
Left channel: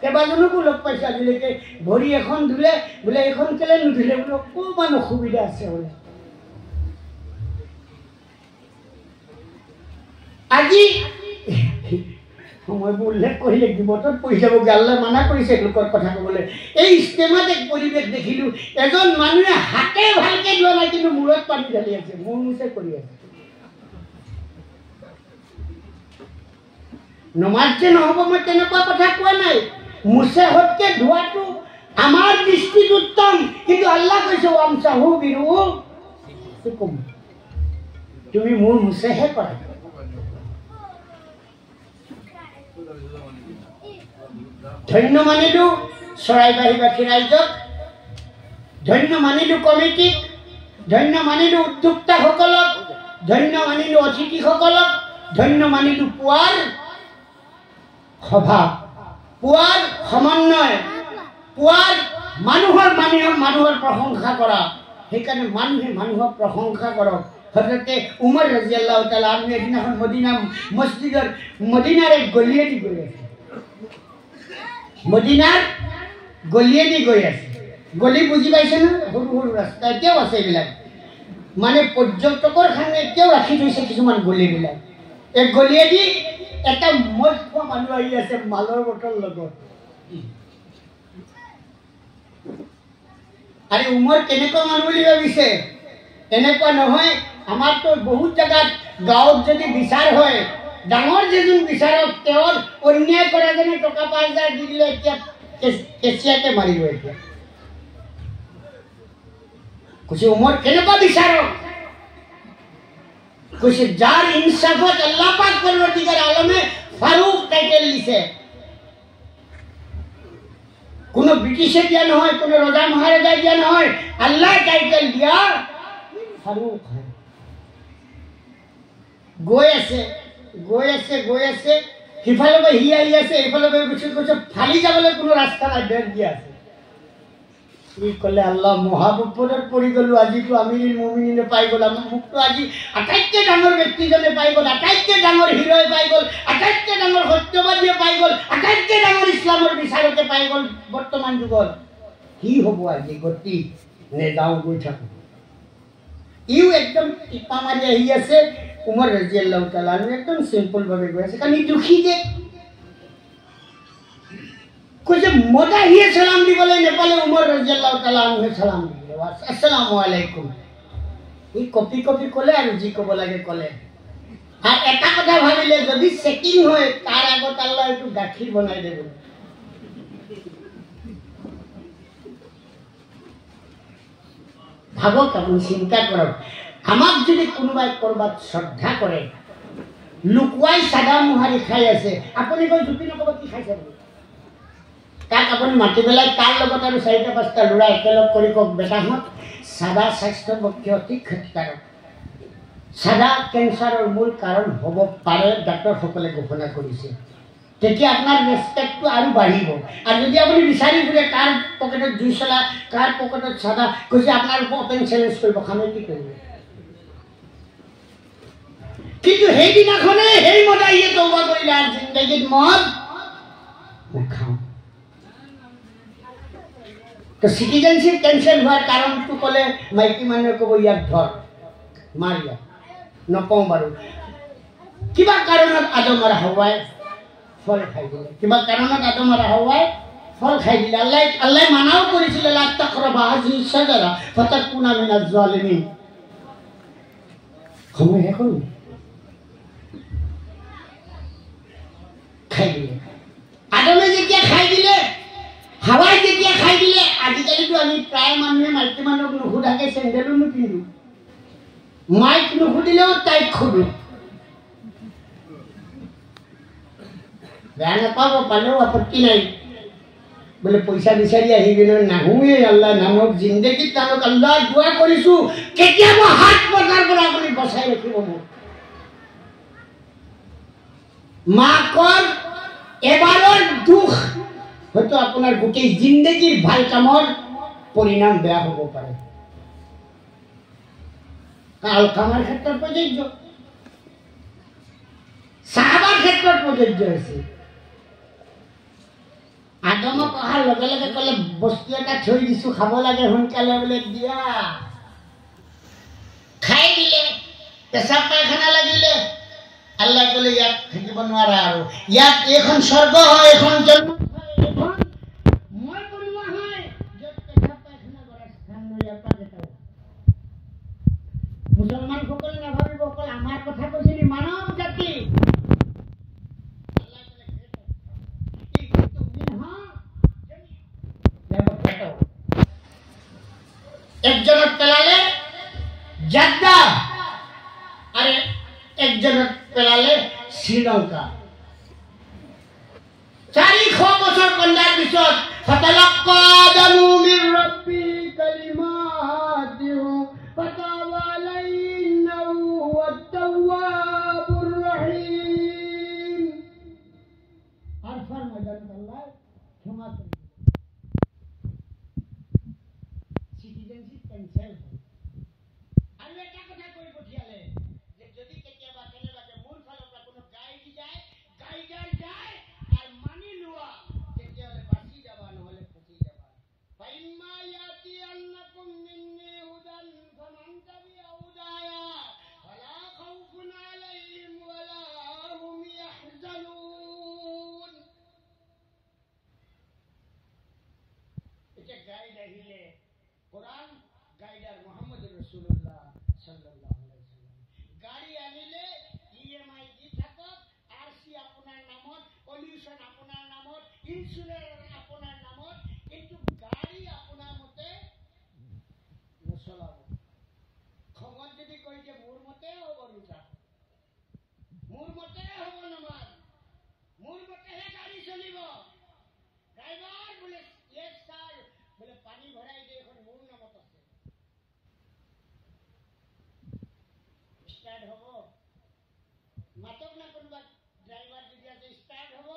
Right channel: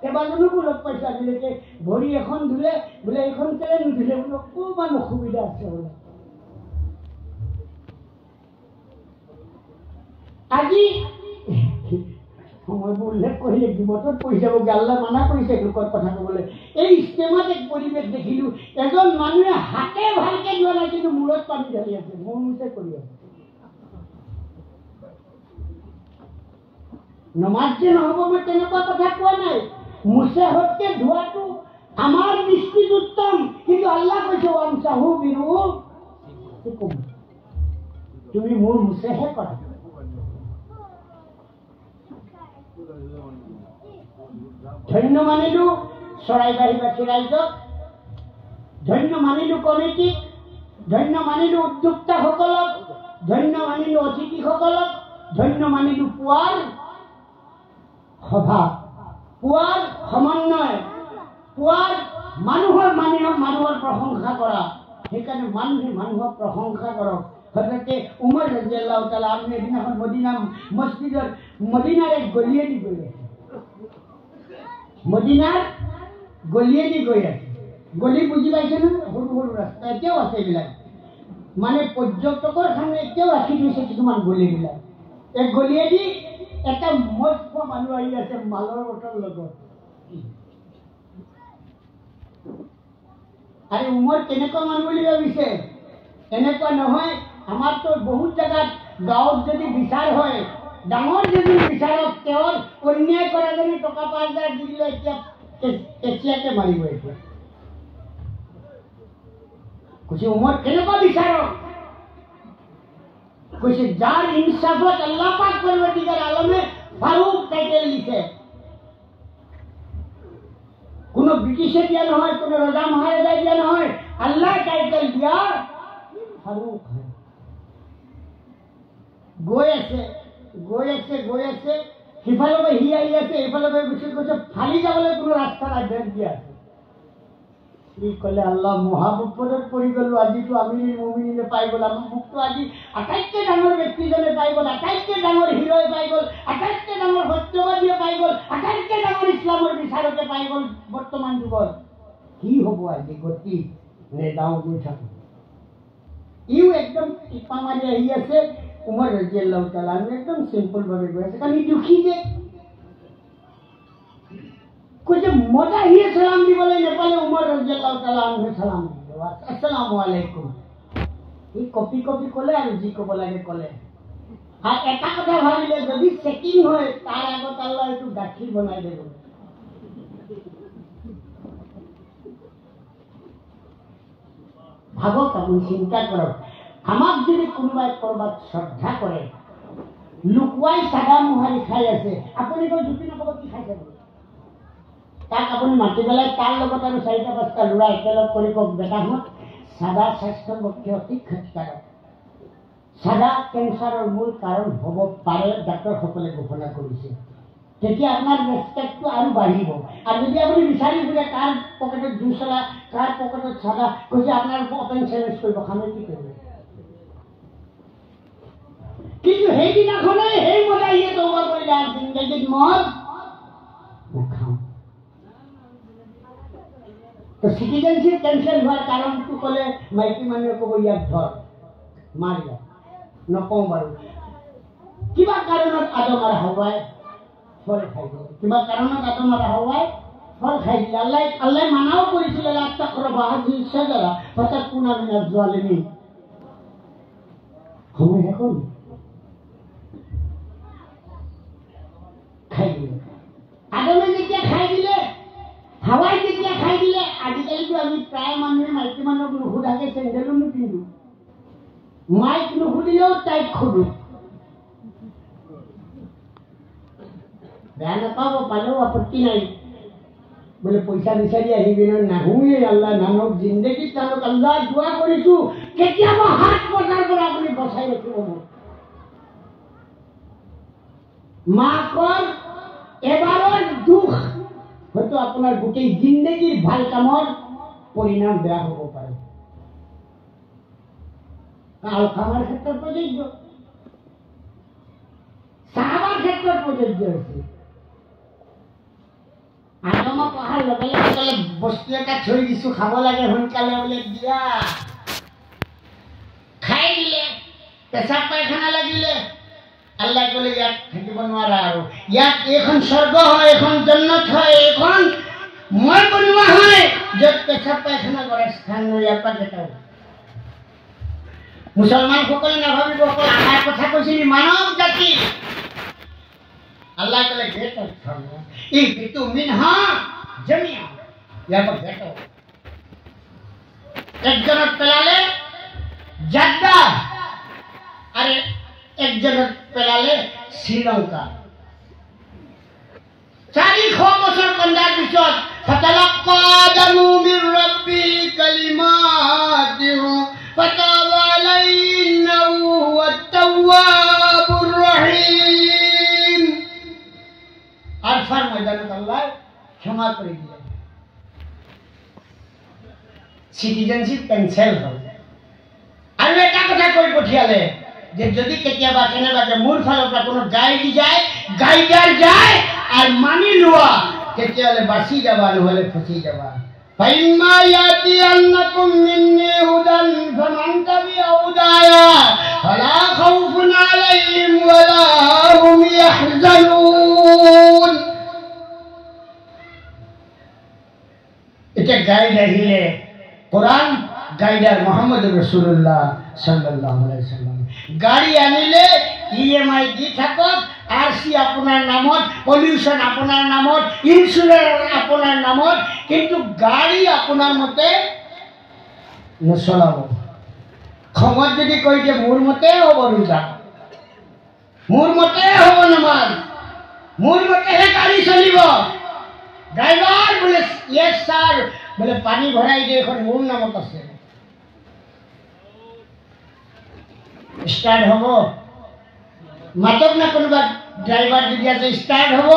কেইবাজনকো লগ পাইছে আজিলৈকে, ভৰি এখন ধুলে বোলে এইখন কেলে নুধুলে বোলে অকণমান অসুবিধা আছে বোলে। আজি সময়বোৰ উল্লেখ কৰিলে বিপদত পৰি যাব, গাল্লা মানা কৰিছে লোকৰ কথা ক'বলৈ। এই ইষ্টেমাত এক পৰিৱেশ দেখিলোঁ, এজন মানুহে হাতে ভালকে যোৱা নাই কিন্তু মূৰত পানী ঢালি আছে, মোৰ মুছে কৰি আছে। নমাজ যে নহ'ব মই তেনেকুৱা কথা কোৱা নাই, মুছে হতকে ধোৱাটো আমাৰ দৃষ্টিত উত্তম, কিন্তু আল্লাহ কৈছে আমচাহু বিৰুউচিকুম, তুমি মোৰ মুছেহে কৰা। ধন্য মানিলোঁ চৰাইবাহীবাসী ৰাইজক, ধন্য মানিলোঁ কমিটিক, ধন্য মানিলোঁ উদ্যোক্তাসকলক, ধন্য মানিলোঁ অতিথিসকলক, ধন্য মানিলোঁ পুৱাৰ সভা, পুৱাৰ সমন্বয়, পুৱাৰ মানুহৰ প্ৰশংসা কৰা। সেইকাৰণে মানুহে মানুহক প্ৰশংসা কৰক। হযৰতে উমৰ ৰাদিয়াল্লাহু তাআলা আনহু এদিনাখন মদিনাৰ এক গলিয়েদি গৈ আছে, মদিনাৰ গলিয়েদি গৈ আছে। গলি বুজি পাইছে ন? সৰু সৰু ৰাস্তা এতিয়াও আছে এইবিলাক, মানে পৰ্যটকৰ কাৰণে এতিয়াও ৰাখি থৈছে কিছুমান গলিবিলাক। এক গলিয়েদি এটা মদ খোৱা মানুহ আহি আছে মালৰ বটল লগত। আৰে উমৰ কেনেকুৱা মানুহ বুলি ভাবিছে? এনেকুৱা নহয়। আমাৰতো বহুত জেগাত গাঁৱত যদি বিচাৰ হয়, ডাঙৰ যেদিন বিচাৰক তেওঁৰ অন্যায় কৰা যেনে টকা ৫,০০০ দি দিলে এতিয়া কেঁচিয়াকে মাৰিব। এতিয়া কৈছে উমৰ কেনেকুৱা বিচাৰক? কৈছে যাৰ ইনসাফত আল্লাহ পাক পৰৱৰ্তীকাৰ আলমে ফাৰুক টাইটেল দিছে। কোনো ব্ৰিটিছে দিয়া নহয়, কোনো ৰজা মহাৰজাই দিয়া নহয়, আল্লাহ টাইটেল দিয়া ফাৰুক। গৈ আছে সিফালৰ পৰা সি আহি আছে, এইফালৰ পৰা কৈছে ফালি যাবলৈ কোনো ৰাস্তা নাই, বেৰ দিয়া আছে। সি ক'লে আল্লাহ মহাবিপদত পৰি গ'লো, আজিতো আমিৰুল মুমিনিনে পাই গ'ল, মোকতো আজি আটাইতকৈ ডাঙৰ ব্যক্তিজনে পাই গ'ল, আটাইতকৈ ডাঙৰ হিৰোয়ে পাই গ'ল, আটাইতকৈ ডাঙৰ সত্যবাদীয়ে পাই গ'ল, আটাইতকৈ ডাঙৰ ইছলামৰ বিচাৰকে পাই গ'ল বৰ্তমান যুগত। কি হ'ব আজি গতি? নেযাওঁ, গৈ থাকোঁ। ইও একদম টিপা মাৰি আহি আছে। উমৰ ৰাদিয়াল্লাহু তাআলা একদম চিম্পলভাৱে গৈ আছে, কাৰণ ই দুখী যে। কৈছে মজা আহিয়ে সালাম দিবলৈ নেপালে উমৰ ৰাদিয়াল্লাহু তাআলা সালাম দিলে, আসসালামু আলাইকুম। ই কপি ক'লে আৰু যি ক'ব লাগে ক'লে। আৰু এটা কথা ভাবিলে, যদি চেকিং হয় তাৰ আগত আল্লাহ এইটো গাখীৰ বনাই দিব। ভাবক, আপুনি চিন্তা কৰক, আমাক যদি কোনোবাই ক'ৰবাত শ্ৰদ্ধা কৰে, লুকুৱাই চাদা মোহাৰি খাই আছে, আপুনি গৈ জুপি নক'ব কি খাইছে বুলি। তাক আপুনি মাতি পেলাই তাৰ লগত আৰু ৪-৫টা ল'ৰা একেলগ কৰি কওক, বেটাহঁত চাদা স্বাস্থ্যৰ পক্ষে অতি ক্ষতিকাৰক, চাদা কেঞ্চাৰৰ মূল কাৰণ হ'ব পাৰে, ডাক্তৰসকলে ঘোষণা কৰিছে। তেতিয়া আপোনাৰ ৰেচপেক্টটো আৰু বাঢ়িব। আৰু যদি আপুনি বিচাৰি ফুৰে কাৰ পকেটত জুই চলা, কাৰ পকেটত চাদা, কৈছে আপোনাৰ অপেন চেলেঞ্জ কৰিব, খানে কি কৰিব? কিন্তু সেইদিনাখনে সেই মদাহীয়ে তওবা কৰিলে, আৰু জিন্দগীত মদ নাখাওঁ। তো চিটিজেনশ্বিপ কেঞ্চেল হোৱাৰ কাৰণটো ক'লে মাইকী মানুহে ক'ব ইয়াক ধৰ, মাৰ ইয়াক, নকওঁ বাৰু। কিবা কাৰণত আদম আৰু হাৱাই ফল খাই দিলে, কিবা কাৰণত আদম আৰু হাৱাই ফল খাই দিলে। আল্লাহ মানাও কৰিছিলে, লা তাকৰাবা হাজিহি শাজাৰা ফাতাকুনা মিনাজ জালিমিন। সময় শেষ হ'ল, খাই দিলে। আদমে যেতিয়া খাই দিলে, হাৱাই যেতিয়া খাই দিলে, আজিকালিতো আমি প্ৰায় মানুহে মাইকী মানুহক নুসুধাকে চেণ্ডেলো নিপিন্ধো, মাইক নুসুধিলেও তাইক সোধো। বেয়া নাপাব, পালেও আপত্তি নাই। বোলে পইচা বিচাৰি আহি কিনে নাহোঁৱেই আল্লাহ নানক জিন্দগীত নানক আল্লাহ দোৱা কৰিছোঁ কেতিয়াবা হাত পতাৰ পৰা আপুনি বচাই ৰাখিব মোক। মাকৰ এবাৰৰ দুখ হয়তো আপোনাৰ গোটেই জিন্দগীৰ ভাল কামৰ পৰিণাম বেয়া হ'ব পাৰে। আলকামাৰ ক্ষেত্ৰত প্ৰযোজ্য, চাহাবাৰ ক্ষেত্ৰত প্ৰযোজ্য হৈছে। আদমক অহাৰ লগে লগে ক'লে বস্তু এটা থৈ দিছোঁ খাব লাগে সোনকালে, বোলে দিয়া। খাই দিলে, পেচাব পায়খানা লাগিলে, আল্লাহ ক'লে ইয়াত থাকিব নোৱাৰা আৰু, ইয়াত এইখন স্বৰ্গ হয়, এইখন জন্নত হয়, এইখন মই বনোৱা হয় য'ত পেচাব পায়খানা কৰে স্থান লৈ ইয়াৰ পৰা কেইটাও। মুছলমানসকলে নাভাবিব অকল আমাৰ কথা কৈছিল মানৱ জাতি। আল্লাহ ক'লে গেট ইহবিতু মিনহা জামিআ, ইয়াৰ পৰা গেট। একজনত পেলালে জাদ্দা আৰু একজনত পেলালে শ্ৰীলংকা। 400 বছৰ কন্দাৰ পিছত ফাতালাক্কা আদামু মিৰ ৰাব্বি কালিমাতিন ফাতাবা আলাইহি ইন্নাহু হুৱাত তাওৱাবুৰ ৰহিম। আৰফাৰ ময়দানত আল্লাহ ক্ষমা কৰি দিলে, সিটিজেনশিপ কেনসেল হ'ল। আৰু এটা কথা কৈ পঠিয়ালে যে যদি কেতিয়াবা কেনেবাকে মোৰ ফালৰ পৰা কোনো গাইডাৰ যায় আৰু মানি লোৱা তেতিয়াহ'লে বাচি যাবা, নহ'লে ফচি যাবা। ফাইম্মা ইয়াতিয়ান্নাকুম মিন্নী হুদান ফামান তাবিআ হুদায়া ফালা খাউফুন আলাইহিম ওয়ালা হুম ইয়াহজানুন। এটা গাইড আহিলে কোরআন, গাইডার মোহাম্মদ রাসূলুল্লাহ সাল্লাল্লাহু আলাইহি ওয়াসাল্লাম। গাড়ি আনিলে ইএমআই দি থাকক, আরসি আপনার নামত, পলিউশন আপনার নামত, ইন্স্যুরেন্স আপনার নামত, কিন্তু গাড়ি আপনার মতে নচলাব। খঙত যদি কই যে মোৰ মতে হ'ব ৰোজা, মোৰ মতে হ'ব নামাজ, মোৰ মতেহে গাড়ি চলিব। ড্ৰাইভাৰ বলে ইয়েস স্যাৰ, বলে পানি ভৰাই দিয়ে এখন মোৰ নামত আছে, স্টার্ট হব মাতক না কোনোবা ড্রাইভার যদি আছে স্টার্ট হব।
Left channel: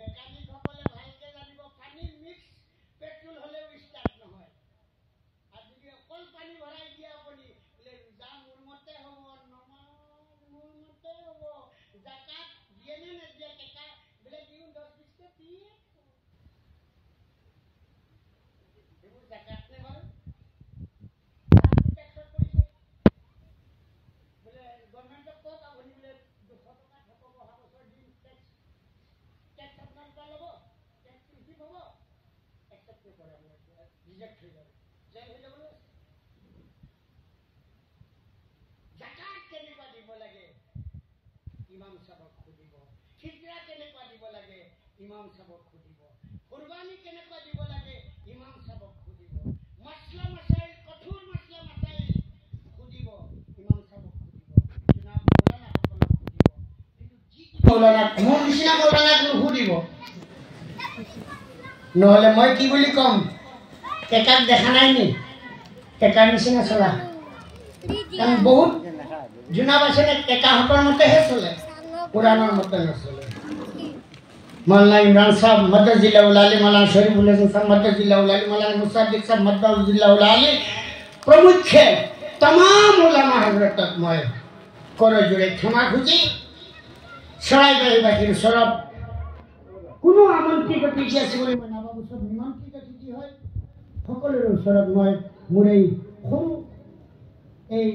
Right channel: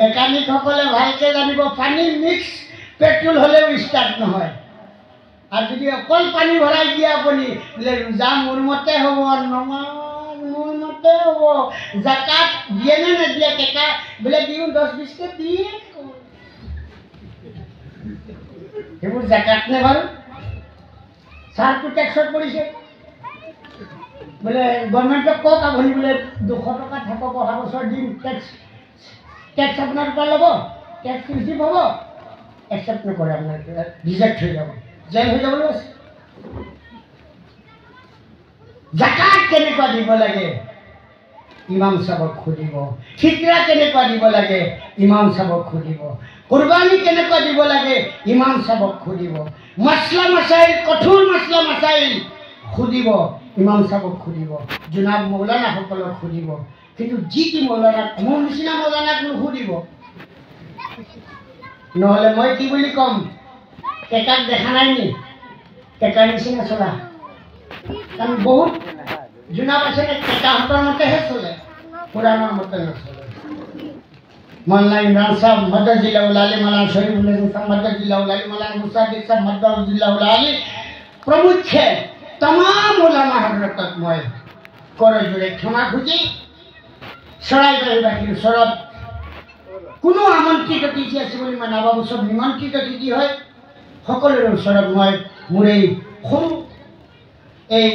মেকানিক সকলে ভালকে জানিব পানী মিক্স পেট্রোল হলেও স্টার্ট নহয়। আর যদি অকল পানী ভরাই দিয়ে আপুনি বোলে ৰোজা মোৰ মতে হব, নমাজ মোৰ মতে হব, জাকাত দিয়ে নে নিদিয়ে, কেকা বোলে দিওঁ 10-20কে দিয়ে, সেইবোৰ জাকাত নে বাৰু? চাৰটো টেক্সত পৰিছে, বোলে গভৰ্ণমেণ্টক কওক আপুনি বোলে 200 টকা থাকক, অহা বছৰ দিম, টেক্স আপোনাৰ পৰা ল'ব, টেক্স ৰিচিভ হ'ব, একচেপ্ট নকৰে আপোনাৰ ৰিজেক্ট হৈ যাব, জেল হৈ যাবলৈ আছে। জাকাত কেনেকুৱা দিব লাগে ইমাম চাবক সুধিব, ফিতৰা কেনেকুৱা দিব লাগে ইমাম চাবক সুধিব, কুৰবানি কেনেকুৱা দিব লাগে ইমাম চাবক সুধিব, মাসলা মাসাইল কঠোৰ মাসলা মাসাইল সুধিব ইমাম চাবক সুধিব, জনাব মৌলানা সকলক সুধিব। কিন্তু যি কি মৌলানা মোৰ নিচিনা মৌলানাক নুসুধিব, নহ'লে মই কি বুলি ক'ম, কেকাক দেখা নাই নি কেকাৰ নিচিনা চলা। কাৰণ বহুত জনাব আছে নে কেকাহঁতৰ মতেহে চলে, কোৰআনৰ মতে নচলে। मौलाना इमरान साहब मदजिल्लाहुल आली, मौलाना शरीफुल हसन साहब मदजिल्लाहुल आली, मौलाना मुसाद्दिक साहब मदजिल्लाहुल आली प्रमुखे तमाम उलामा हजरतक मैं कर जोड़े क्षमा खुजी चराइबाहिबासीर ओसरत कोनो আমন্ত্রিত অতিথি আছে বুলি মই নাভাবো। সব নিমন্ত্রিত অতিথি হয়। সকলোৰে ওচৰত মই মোৰ এই সৰু এই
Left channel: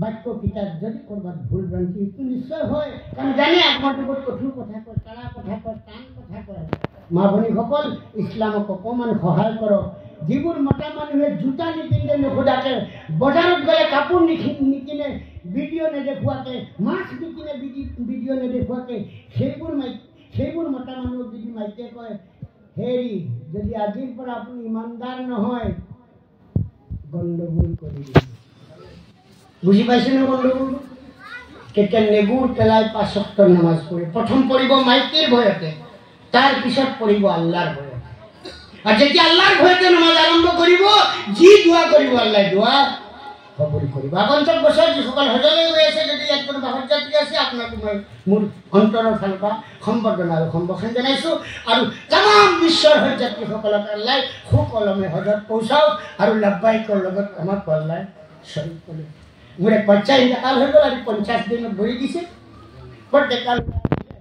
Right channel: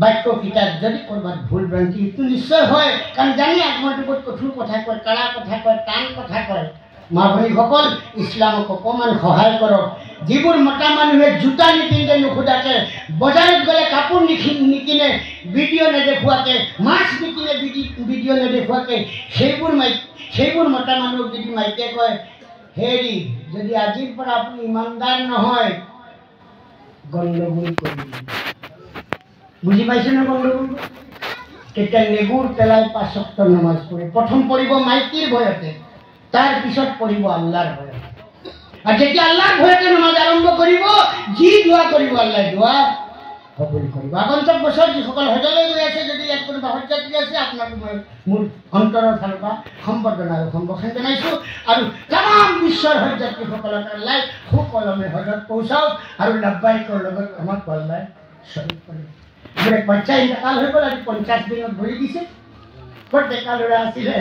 বাক্যকেইটাত যদি ক'ৰবাত ভুল ভ্ৰান্তি এইটো নিশ্চয় হয়, কাৰণ জানি আগমনটো বহুত কঠোৰ কথা কয়, কাৰা কথা কয়, টান কথা কয়। মা ভনীসকল ইছলামক অকণমান সহায় কৰক। যিবোৰ মতা মানুহে জোতা নিপিন্ধে নুসুধাকে, বজাৰত গ'লে কাপোৰ নিকিনে, ভিডিঅ' নেদেখুৱাকে, মাছ নিকিনে ভিডিঅ' নেদেখুৱাকে, সেইবোৰ মতা মানুহক যদি মাইকে কয় হেৰি যদি আজিৰ পৰা আপুনি ইমানদাৰ নহয় গণ্ডগোল কৰি দিব। বুঝি পাইছে না গণ্ডগোল? তেতিয়া নেগুৰ পেলাই 5 ওয়াক্ত নামাজ পঢ়ে। প্ৰথম পঢ়িব মাইকীৰ ভয়তে, তাৰ পিছত পঢ়িব আল্লাহৰ ভয়তে। আর যেতিয়া আল্লাহর ভয়তে নামাজ আরম্ভ করিব যি দোয়া করিব আল্লাহ দোয়া কবুল করিব আগন্তুক বছর যিসকল হজলৈ গৈ আছে যদি ইয়াত কোনোবা হজযাত্ৰী আছে আপোনাক মই মোৰ অন্তৰৰ ফালৰ পৰা সম্বৰ্ধনা আৰু সম্ভাষণ জনাইছোঁ আৰু তামাম বিশ্বৰ হজযাত্ৰীসকলক আল্লাহ সুকলমে হজত পৌঁছাওক আৰু লাব্বাইকৰ লগত আমাক আল্লাহ শ্বহীদ কৰে মোৰ এক বাচ্চা ইণ্টেকাল হৈ গ'ল আজি 50 দিনত ভৰি দিছে বৰ ডেকা ল'ৰা আছিলে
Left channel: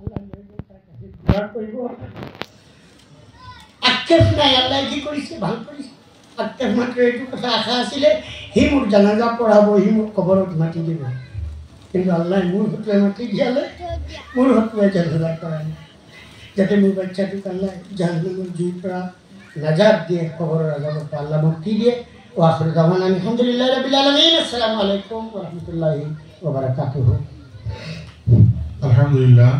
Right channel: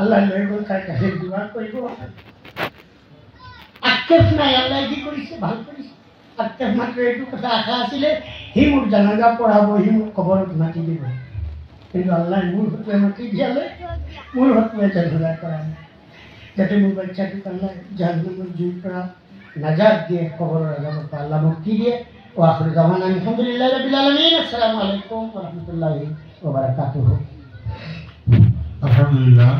আল্লাহ লৈ গ'ল তাৰ কাষে দোৱা কৰিব আক্ষেপ নাই আল্লাহ কি কৰিছে ভাল কৰিছে আক্ষেপ মাত্ৰ এইটো কথা আশা আছিলে সি মোৰ জানাজা পঢ়াব সি মোক কবৰত মাতি দিব কিন্তু আল্লাহ মোৰ হতুৱাই মাতি দিয়ালে মোৰ হতুৱাই জানাজা কৰা নাই যাতে মোৰ বাচ্চাটোক আল্লাহ জাহান্নামৰ জুইৰ পৰা নাজাত দিয়ে কবৰৰ আজাবৰ পৰা আল্লাহ মুক্তি দিয়ে ওয়াখিৰ দাওয়ানা আলহামদুলিল্লাহি ৰাব্বিল আলামিন আসসালামু আলাইকুম ওয়া ৰাহমাতুল্লাহি ওয়া বাৰাকাতুহু আলহামদুলিল্লাহ